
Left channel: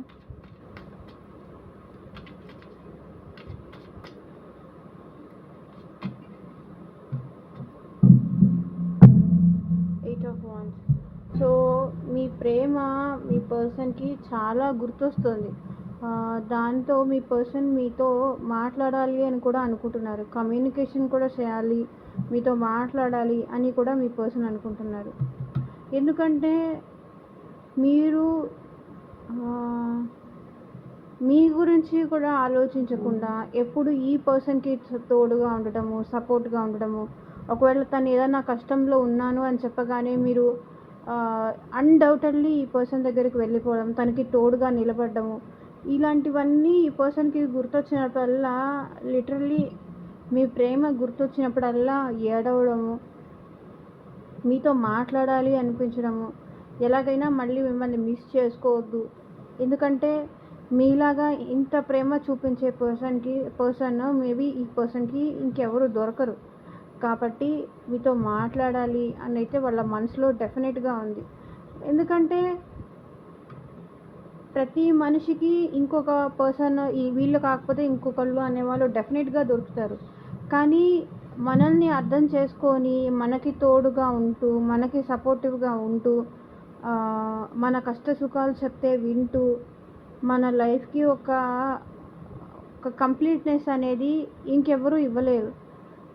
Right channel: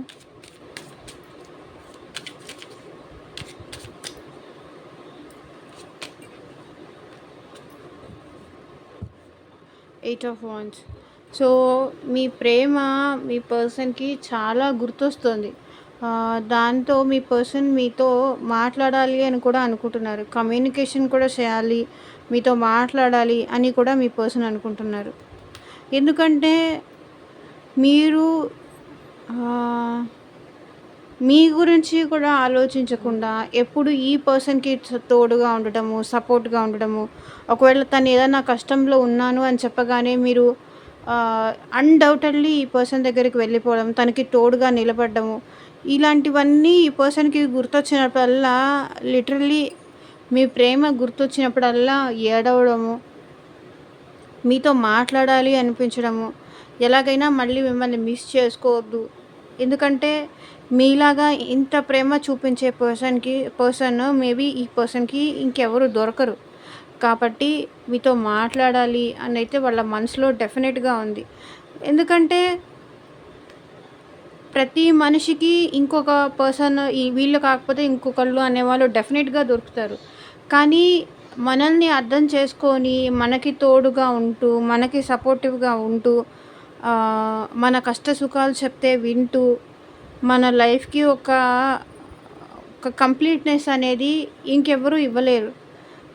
8 ఆఫ్ వాండ్స్. సో, మీ ప్రేమ మీ పర్సన్‌కి చాలా గుర్తొస్తుంది. దాంతో మీ పర్సన్ మీతో మాట్లాడాలి అని కూడా అనుకుంటున్నారు. కమ్యూనికేషన్ కూడా చేయాలి, మీతో మాట్లాడాలి అని కూడా మీ పర్సన్ అనుకుంటున్నారు. ఎందుకంటే మీరు ఆహ్, మీ గురించి కూడా ఆలోచించకుండా ఎప్పుడు ఈ పర్సన్‌కి తోడుగా ఉండడము, సపోర్ట్‌గా ఉండడము. ఒకవేళ తను ఏదైనా కష్టంలో ఉన్నాను అని చెప్పగానే మీరు అన్‌డౌటెడ్‌లీ ఈ పర్సన్ దగ్గరికి వెళ్ళిపోవడం, తనకి తోడుగా నిలబడ్డము. ఇలాంటివన్నీ ఈ పర్సన్‌కి గుర్తొచ్చినప్పుడల్లా లిటరల్లీ మీ ప్రేమ గుర్తొచ్చినప్పుడల్లా ఏడవడము, మీతో మాట్లాడాలి అనిపించడము, ఎలాగైనా మళ్ళీ మిమ్మల్ని మిస్ చేసుకోవద్దు. ఎందుకంటే మీలాగా ఇంత ప్రేమ చూపించే పర్సన్ మేబీ ఈ పర్సన్‌కి ఇంకెవరు దొరకరు. కాబట్టి మీతో మాట్లాడాలి అనైతే వాళ్ళ మనసులో డెఫినెట్‌గా ఉంది. ఎందుకంటే ప్రతి మనిషికి ఇంకొక పర్సన్ వీళ్ళు కాకపోతే ఇంకొకళ్ళు అనేవాళ్ళు డెఫినెట్‌గా దొరుకుతారు. కానీ మనల్ని అర్థం చేసుకొని, మనకి తోడుగా ఉంటూ, మనకి సపోర్టివ్‌గా ఉంటూ, మన కష్ట సుఖాలు చెప్తే వింటూ, మన లైఫ్‌కి ఒక కంప్లీట్‌నెస్ అనేది ఇంకెవ్వరు ఇవ్వలేరు.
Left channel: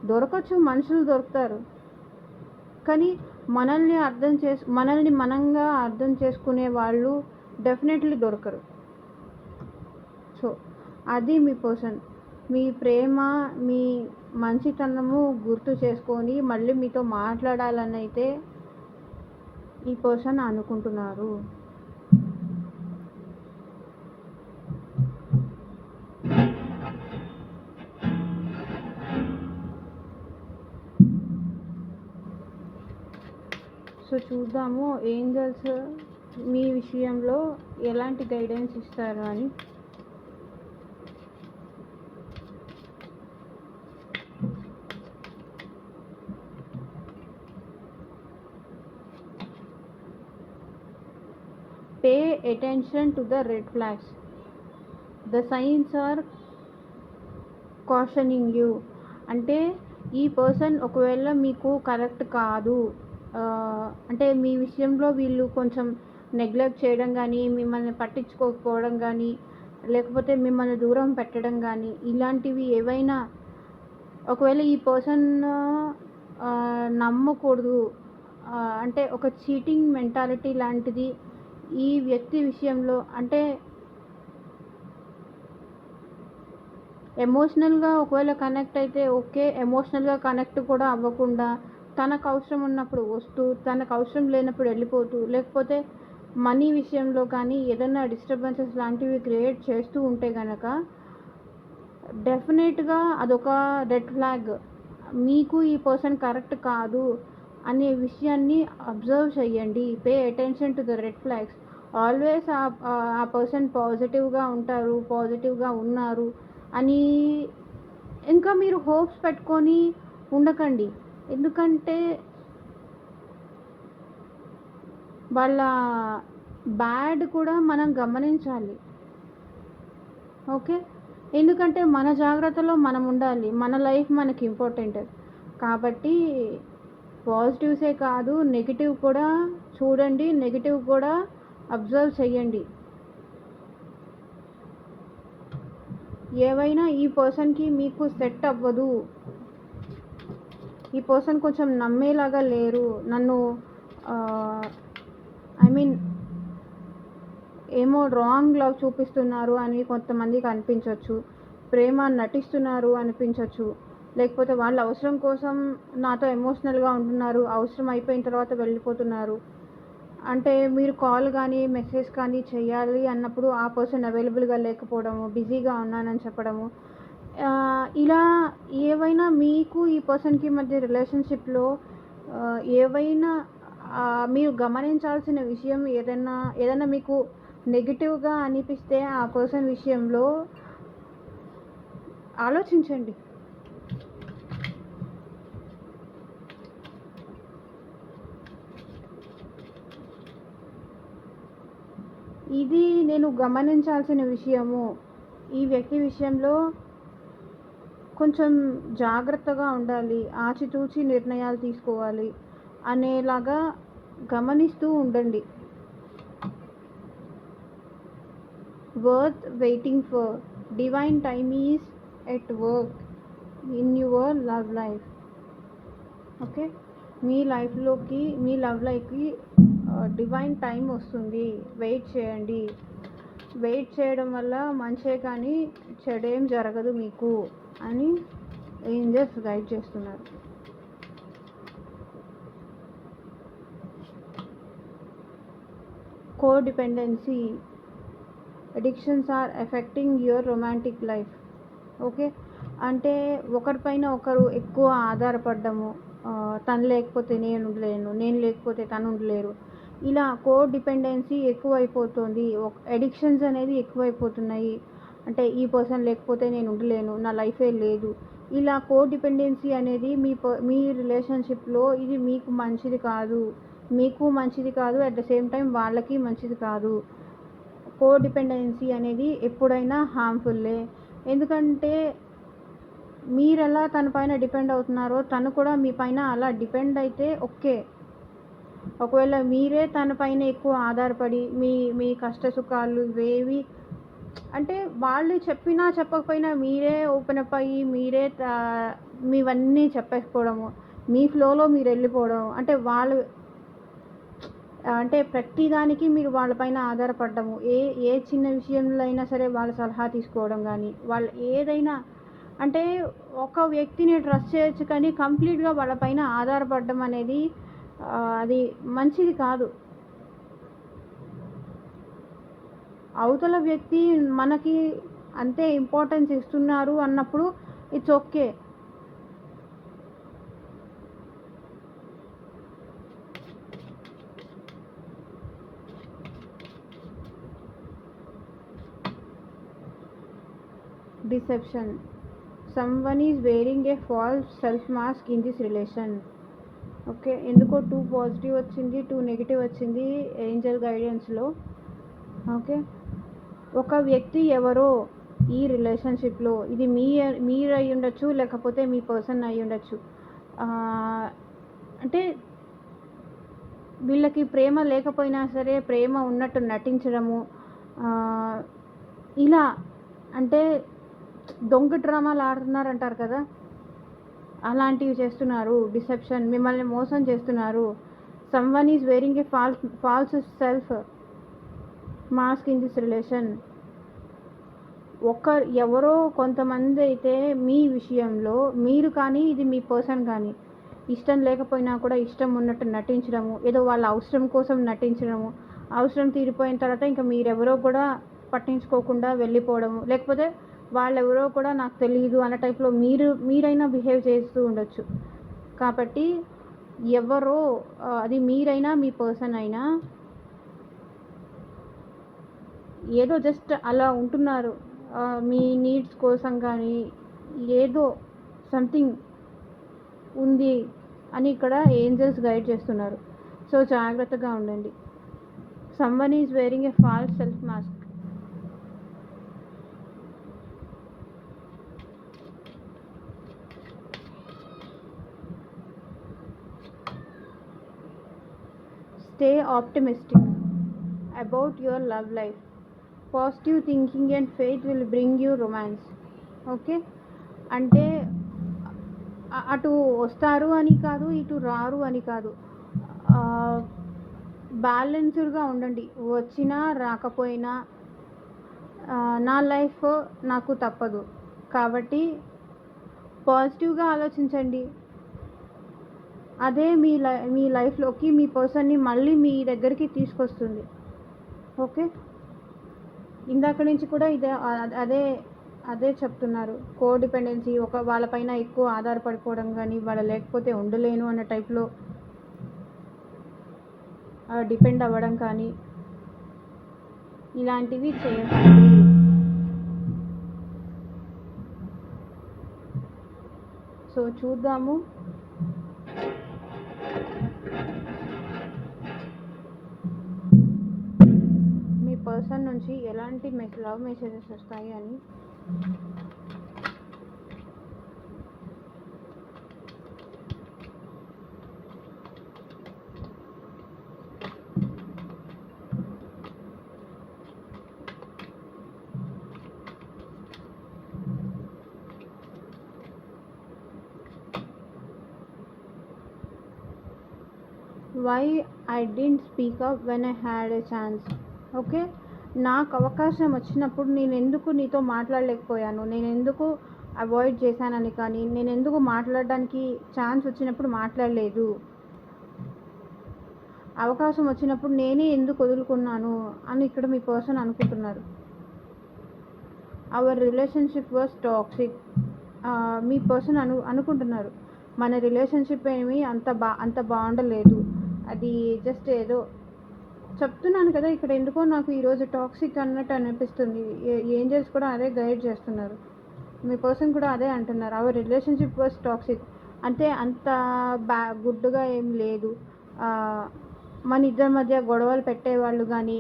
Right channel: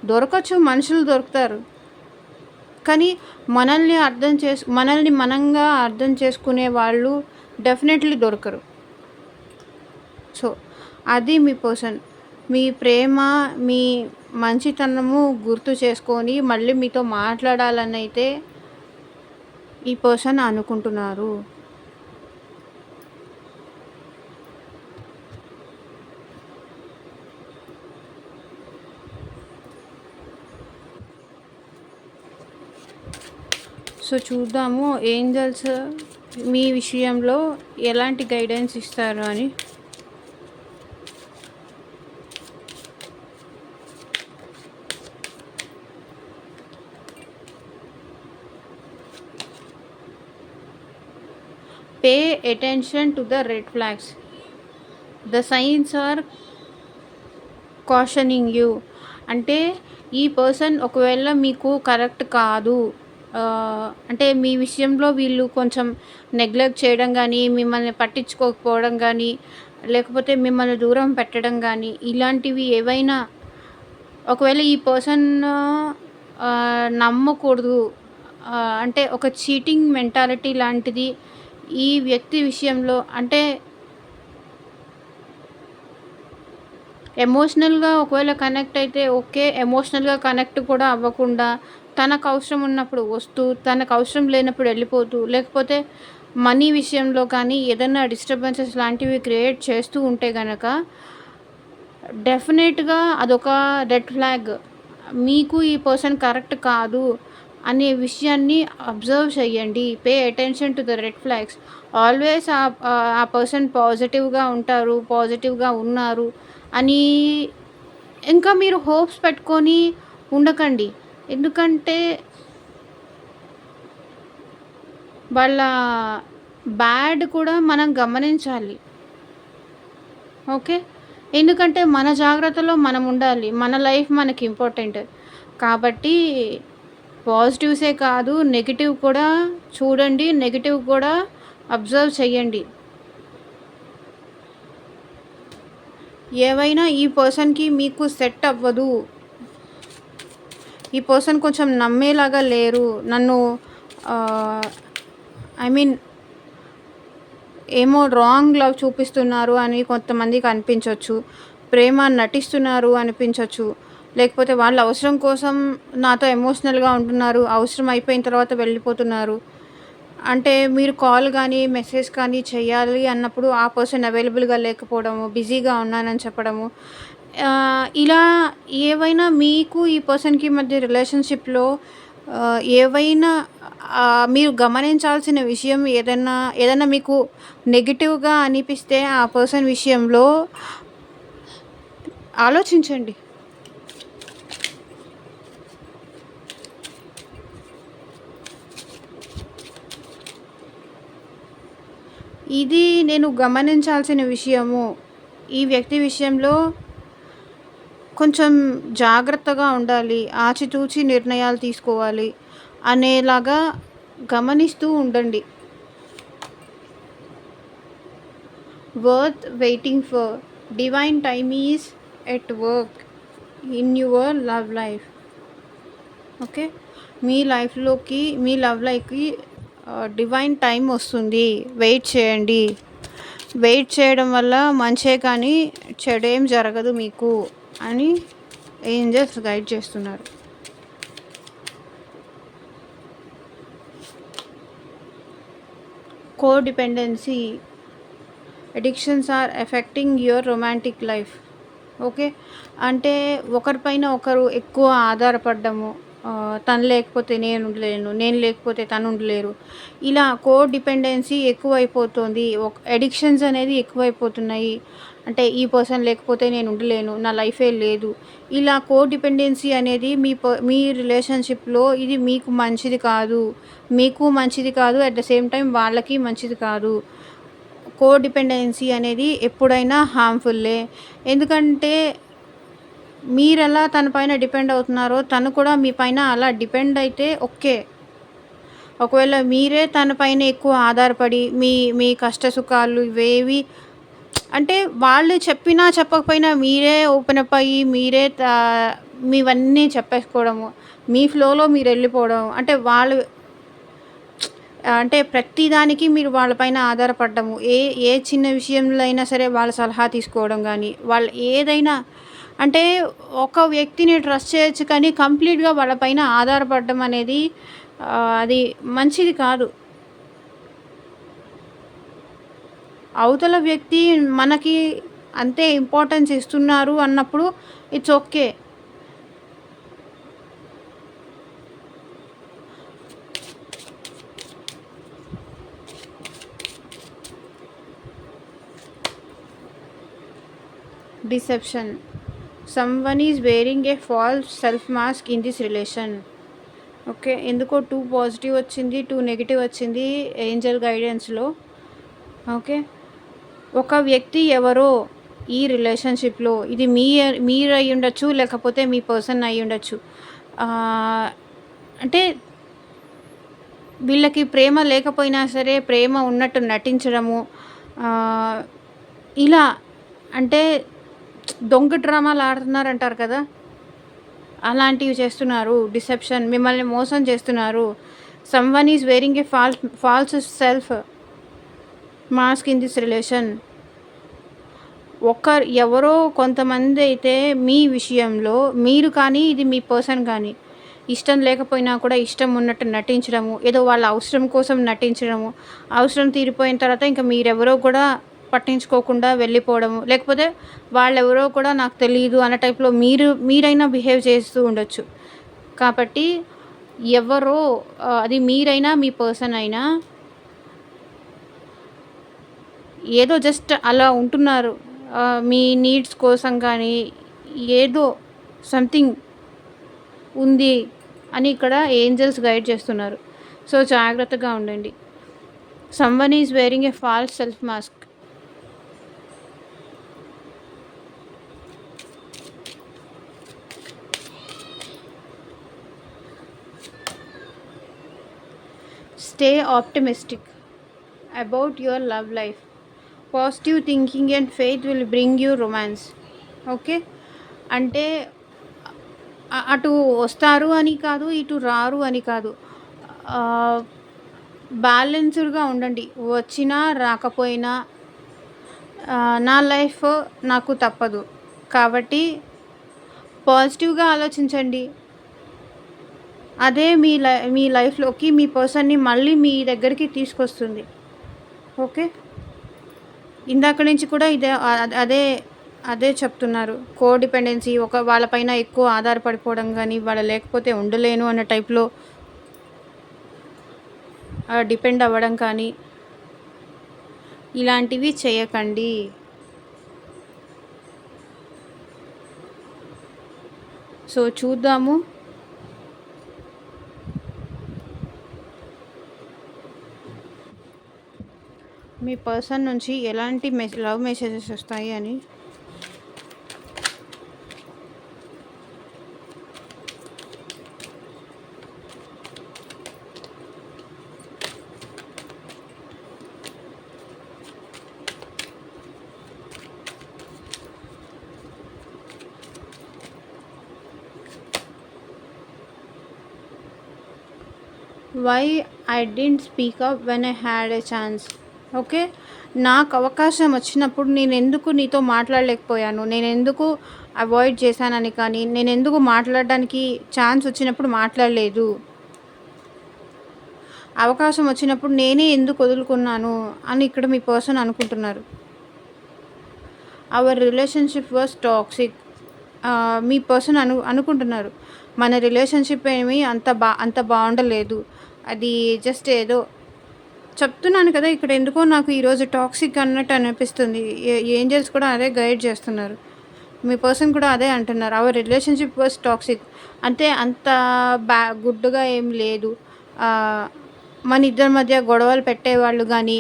దొరకచ్చు, మనుషులు దొరుకుతారు. కానీ మనల్ని మనంగా అర్థం చేసుకునే వాళ్ళు డెఫినెట్‌లీ దొరకరు. సో, అది మీ పర్సన్. మీ ప్రేమ, మీ మంచితనము గుర్తు చేసుకొని మళ్ళీ మీతో మాట్లాడాలనైతే ఈ పర్సన్ అనుకుంటున్నారు. సో, చూద్దాము ఏంజెల్స్ మీ విషయంలో ఎలాంటి గైడెన్స్ ఇస్తారు అని. Pay attention to the red flags. The signs are cautioning you. అంటే ఈ పర్సన్ ఒకవేళ మీకు కరెక్ట్ కాదు, అంటే మీ విషయంలో వీళ్ళు కొంచెం నెగ్లెక్ట్ చేయడం కానీ, మిమ్మల్ని పట్టించుకోకపోవడం కానీ, లేకపోతే మిమ్మల్ని దూరం పెట్టడం కానీ, ఇలాంటివి ఏవైనా ఒకవేళ ఈ పర్సన్ నమ్మకూడదు, అంటే ఒక చీటింగ్ మెంటాలిటీ లాంటిది ఈ వ్యక్తి విషయంలో. అంటే ఎమోషనల్‌గా ఒకవేళ కనెక్ట్ అయితే ఓకే. ఎమోషనల్‌గా కనెక్ట్ కూడా అవ్వకుండా, తనకు అవసరం ఉన్నప్పుడు వస్తూ, తనకు అవసరం లేనప్పుడు వెళ్ళిపోతూ, లేకపోతే మనీ విషయంలో కానీ ఏదైనా డిస్టర్బెన్సెస్ లాంటివి క్రియేట్ చేస్తూ ఉంటే గనక డెఫినెట్‌గా అదొక రెడ్ ఫ్లాగ్. మీకు ఈ పర్సన్ కరెక్ట్ కాదు అనే విషయాన్ని అబ్జర్వ్ చేయండి. Pay attention to the red flags. Always ఆ పర్సన్ పాజిటివ్‌గా ఉంటారు, పాజిటివ్‌గా ఉన్నారు అని ఇంకా మీరు హోప్స్ పెట్టుకొని ఉండకండి. ఎందుకంటే వాళ్ళ బ్యాడ్ కూడా మనం గమనించాలి. ఓకే. ఎందుకంటే మన జాగ్రత్తలో మనం ఉండాలి. మన లైఫ్ మనకి ఇంపార్టెంట్. కాబట్టి పాజిటివ్సే కాదు, నెగెటివ్ కూడా చూడండి. నెగెటివ్ కూడా అబ్జర్వ్ చేయండి. ఏవైనా ఈ పర్సన్‌కి మీకు సెట్ అవ్వదు, ఈ పర్సన్ కొంచెం నమ్మేలాగా లేరు, నన్ను ఐ మీన్ ఏమో రాంగ్ లవ్ చూపిస్తున్నారు అని కొంతమందికి అనిపించవచ్చు. ప్రేమ నటిస్తున్నారు అనిపించవచ్చు. లేకపోతే వాళ్ళ అవసరం కోసం నాతో ఎమోషనల్‌గా ఉంటున్నారు, అవసరం అయిపోయిన తర్వాత వెళ్ళిపోతున్నారు. అంటే మీరు కాల్ కానీ, మెసేజ్ కానీ చేయాలి అన్నప్పుడు ఆ పర్సన్ అవైలబుల్‌గా లేకపోవడము, బిజీగా ఉన్నానని చెప్పడము. ఇలా ఏవైనా మీకు ఈ పర్సన్‌కి మధ్య రిలేషన్‌షిప్‌లో ఏవైనా మీరు గమనించాల్సిన విషయం ఏదైనా మీకు నెగెటివ్‌గా అనిపిస్తే ఆ పర్సన్ విషయంలో ఆలోచించండి. ఇది నేను గమనించాల్సిన విషయము. ఈ వ్యక్తి విషయంలో కొంచెం జాగ్రత్తగా ఉండాలి. ఆచితూచి నిర్ణయాలు తీసుకోవాలి అనేలాగా గమనిస్తూ ఉండండి. Worth waiting for. Divine time is at work in your love life. Okay. మీ లవ్ లైఫ్‌కి డివైన్ టైం వస్తుంది. వెయిట్ చేయండి. వెయిట్ చేయడం వల్ల మంచే కానీ చెడేం జరగదు మీకు అని ఏంజెల్స్ గైడ్ చేస్తున్నారు. Codependency. Addictions are affecting your romantic life. Okay. అంటే ఒకరిపైన ఒకరు ఎక్కువ ఆధారపడ్డము. తను లేకపోతే నేను ఉండలేను, నేను లేకపోతే తను ఉండలేరు. ఇలా డిపెండెన్సీ ఎక్కువైపోతుంది. అడిక్షన్స్ అనేది ఎక్కువైపోతున్నాయి. అంటే ఈ పర్సన్ లేకపోతే నేను ఉండలేను, నా లైఫే లేదు. ఇలా డిపెండెన్సీ అనేది మీ రిలేషన్షిప్లో ఇది మీకు మంచిది కాదు. మీకు మంచిది కాదు, అట్ ద సేమ్ టైం వాళ్ళకి మంచిది కాదు. డిపెండెన్సీ అనేది ఎప్పుడైనా హార్మ్ఫుల్లే. ఎందుకంటే మీరెలా తన పైన డిపెండ్ అవుతున్నారో తను కూడా మీ పైన అలా డిపెండ్ అయితే ఓకే. ఒకవేళ మీరే తన పైన ఎక్కువ ఆధారపడి మీ కష్ట సుఖాలు ఇవేవి అంటే వాళ్ళు చెప్పినా చెప్పకపోయినా మీరే ఓపెన్ అప్ అయ్యి మీరే మీవన్నీ చెప్పేసుకోవడము, మీ ఫ్లోలో మీరు వెళ్ళిపోవడం, అంటే వాళ్ళు అంటే ప్రతిదానికి మీరు వాళ్ళపైన ఆధారపడ్డము. ఏ చిన్న విషయంలో అయినా సరే వాళ్ళ సలహా తీసుకోవడం కానీ వాళ్ళు ఏదైనా అంటే ఒక వ్యక్తిని ట్రస్ట్ చేయొచ్చు కానీ కంప్లీట్గా వాళ్ళపైన ఆధారపడడం అనేది అది మంచిది కాదు. అవతల వ్యక్తి మనకి అంతే ఇంపార్టెన్స్ ఇస్తున్నారు అన్నప్పుడు it's okay. Deception. Someone is wearing a false self mask in this relation. Okay. ఎందుకో 2 పాజిటివ్ వచ్చింది, 2 నెగిటివ్ వచ్చింది ఏంజల్ గైడెన్స్లో. ఓకే. ఒక వ్యక్తి ఎవరో ఈ రిలేషన్షిప్లో ఇది మీరు అయి ఉండొచ్చు, లేకపోతే మీ పర్సన్ అయి ఉండొచ్చు. అంటే వీళ్ళకి ప్రేమ లేకపోయినా సరే ప్రేమ ఉన్నట్టు నటించడము, ఇలా అంటే దొంగ డ్రామాలు ఆడుతున్నారంటారు కదా, అలాంటివి చేస్తున్నారు. డిసెప్షన్, మిమ్మల్ని మోసం చేస్తున్నారు. Someone is wearing a false self mask in this relation. ఎవరో కొంతమంది అయితే మీ విషయంలో మీరు కానీ ఇది మీ పర్సన్ కానీ ఇష్టం లేకపోయినా కూడా ఇష్టం ఉన్నట్టు నటించడము, ఏదో వాళ్ళ అవసరం కోసం నటించడము, అవసరం తీరిపోయిన తర్వాత ఇంకా మీరెవరో కూడా పట్టించుకోకుండా వెళ్ళిపోవడము, లేకపోతే వాళ్ళెవరో కూడా నాకు తెలియదు అన్న టైప్లో మీరైనా బిహేవ్ చేస్తూ ఉండొచ్చు. కాబట్టి ఎవరో అది మీరైనా మీ పర్సన్ అయినా ఏదో జస్ట్ అలా ఉంటున్నారు. మీ నీడ్స్ కోసం కానీ ఏదో సంథింగ్ ఉంది అని ఇక్కడ ఏంజల్స్ గైడ్ చేస్తున్నారు. సో జాగ్రత్తగా ఉండండి. Someone is wearing a false self mask. Stay optimistic about your love life. Positive thinking and faith will bring you romance. Okay. అంటే అటు వస్తారు అని కాదు, ఇటు రారు అని కాదు. బ్యాలెన్స్డ్గా ఉండండి. వచ్చినా రాకపోయినా నా లైఫ్ నాకు తప్పదు కాబట్టి పాజిటివ్గా ఆలోచించండి. అదే మీ లైఫ్లోకి మీ పర్సన్ని మళ్ళీ మీ దగ్గరికి తీసుకొస్తుంది. ఓకే. ఇందాక నుంచి కూడా అదే చెప్తున్నారు. డిపెండెన్సీ, వాళ్ళపైన ఎక్కువ ఆధారపడిపోవడం కానీ వాళ్ళు లేకపోతే ఉండలేను అన్న టైప్లో డిపెండ్ అవ్వడం కానీ ఇలాంటివి చేయకండి. సో చూద్దాము. మీ మీ పర్సన్ నుంచి ఎలాంటి లవ్ మెసేజెస్ వస్తాయి అని. Why I didn't speak up when I had a chance. Okay, నాకు అవకాశం వచ్చినప్పుడు నేను ఎందుకు నీతో మాట్లాడలేకపోయాను, నేను ఎందుకు అవాయిడ్ చేశానని, కానీ నేను ఎందుకు మాట్లాడడానికి ఛాన్స్ వచ్చినప్పుడు మాట్లాడలేదు, అవకాశం వచ్చినప్పుడు నేనే ఎందుకు వదులుకున్నాను అని ఇక్కడ మీ పర్సన్ అనుకుంటున్నారు. Our relationship was toxic. Me person అనుకుంటున్నారు మన రిలేషన్షిప్ ఏమి అంత బాగుండలేదు, అది జస్ట్ ఏదో చెప్తున్నాను కదా. ఇక్కడ ఎందుకో నాకు ఈరోజు టాక్సిక్ అన్నట్టు అనిపిస్తుంది. ఏంజల్స్ కూడా అదే గైడ్ చేస్తున్నారు, మీ పర్సన్ కూడా అదే అంటున్నారు. అవర్ రిలేషన్షిప్ వాజ్ టాక్సిక్ అంటే అంత గుడ్డుగా ఏం లేదు. మన ఇద్దరి మధ్య గొడవలు పెట్టేవాళ్ళు కానీ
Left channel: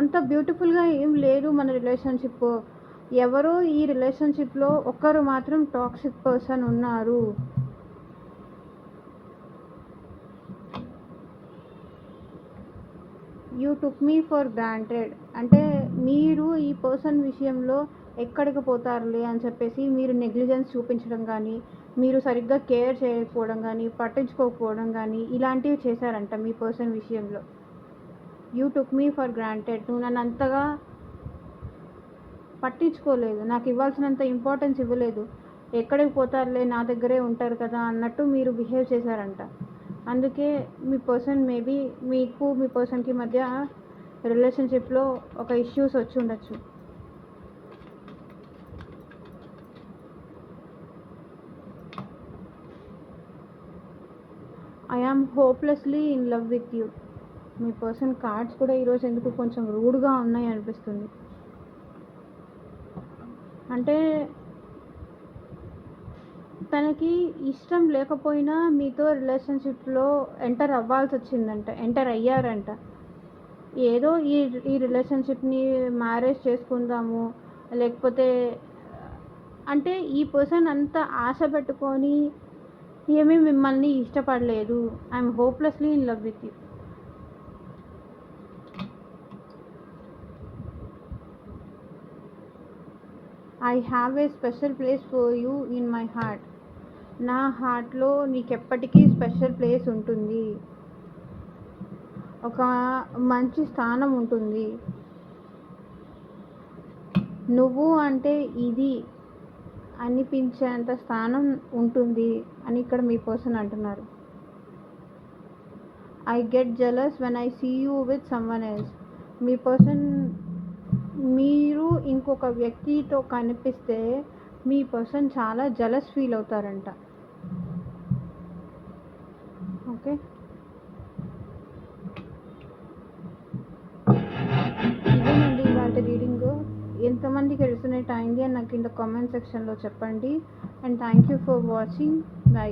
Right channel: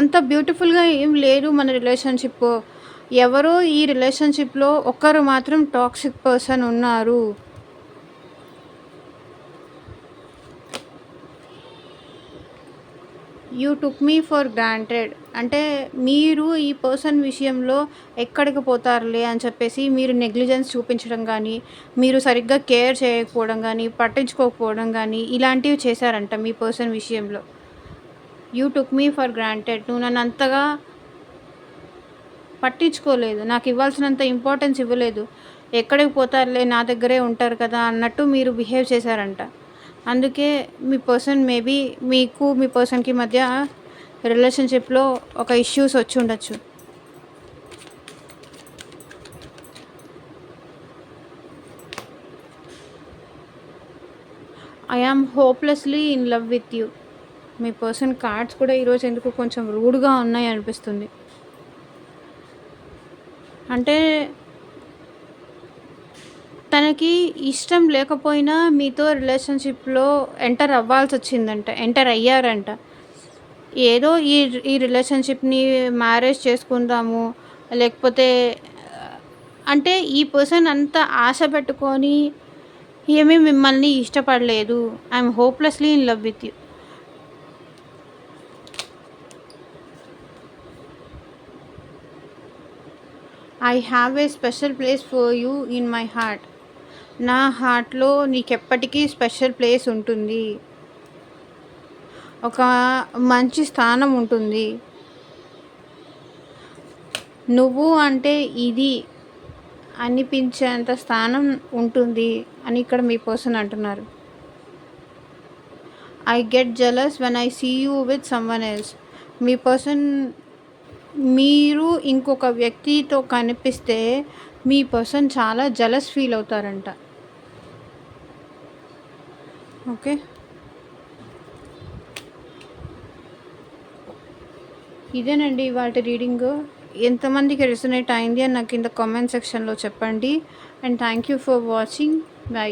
అంత బ్యూటిఫుల్గా ఏం లేదు మన రిలేషన్షిప్. ఎవరో ఈ రిలేషన్షిప్లో ఒకరు మాత్రం టాక్సిక్ పర్సన్ ఉన్నారు. You took me for granted అంటే మీరు ఈ పర్సన్ విషయంలో ఎక్కడికి పోతారులే అని చెప్పేసి మీరు నెగ్లిజెన్స్ చూపించడం కానీ, మీరు సరిగ్గా కేర్ చేయకపోవడం కానీ, పట్టించుకోకపోవడం కానీ ఇలాంటివి చేశారంట మీ పర్సన్ విషయంలో. You took me for granted, నువ్వు నన్ను అంతగా పట్టించుకోలేదు, నాకు ఇవ్వాల్సినంత ఇంపార్టెన్స్ ఇవ్వలేదు, ఎక్కడికి పోతారులే నా దగ్గరే ఉంటారు కదా అన్నట్టు మీరు బిహేవ్ చేశారంట. అందుకే మీ పర్సన్ మేబీ మీకు మీ పర్సన్కి మధ్య రిలేషన్షిప్లో ఒక ఇష్యూస్ వచ్చి ఉండొచ్చు. I am hopelessly in love with you. మీ పర్సన్ కార్డ్స్ కూడా ఈరోజు ఎందుకు కొంచెం రూడ్గా ఉన్నాయి అనిపిస్తుంది. అంటే తనకి ఇష్టం లేకపోయినా మీతో రిలేషన్షిప్లో ఎంటర్ అవ్వాల్సి వచ్చిందంట, ఎంటర్ అయ్యారంట. ఏదో ఈ రిలేషన్షిప్ని మ్యారేజ్ చేసుకుందాము లేకపోతే అంటే ఈ పర్సన్ అంత ఆశ పెట్టుకొని ఏమీ మిమ్మల్ని ఇష్టపడలేదు. I'm hopelessly in love with you. I have a special place for you in my heart. నా హార్ట్లో నీకెప్పటికీ స్పెషల్ ప్లేస్ ఉంటుంది, ఒక మంచి స్థానం ఉంటుంది. నువ్వు అంటే ఇది అనిపించేంత స్థానం ఉంటుంది అని ఇక్కడ మీ పర్సన్ అంటున్నారు. I get jealous when I see you with someone else. మీ పర్సన్ మీరు ఇంకొక వ్యక్తితో కనిపిస్తే మీ పర్సన్ చాలా జలస్ ఫీల్ అవుతారంట. ఓకే, ఇదేనండి వాటి రీడింగ్. ఎంతమందికి రెసొనేట్ అయింది అని నాకు కింద కామెంట్ సెక్షన్లో చెప్పండి. And thank you for watching. By.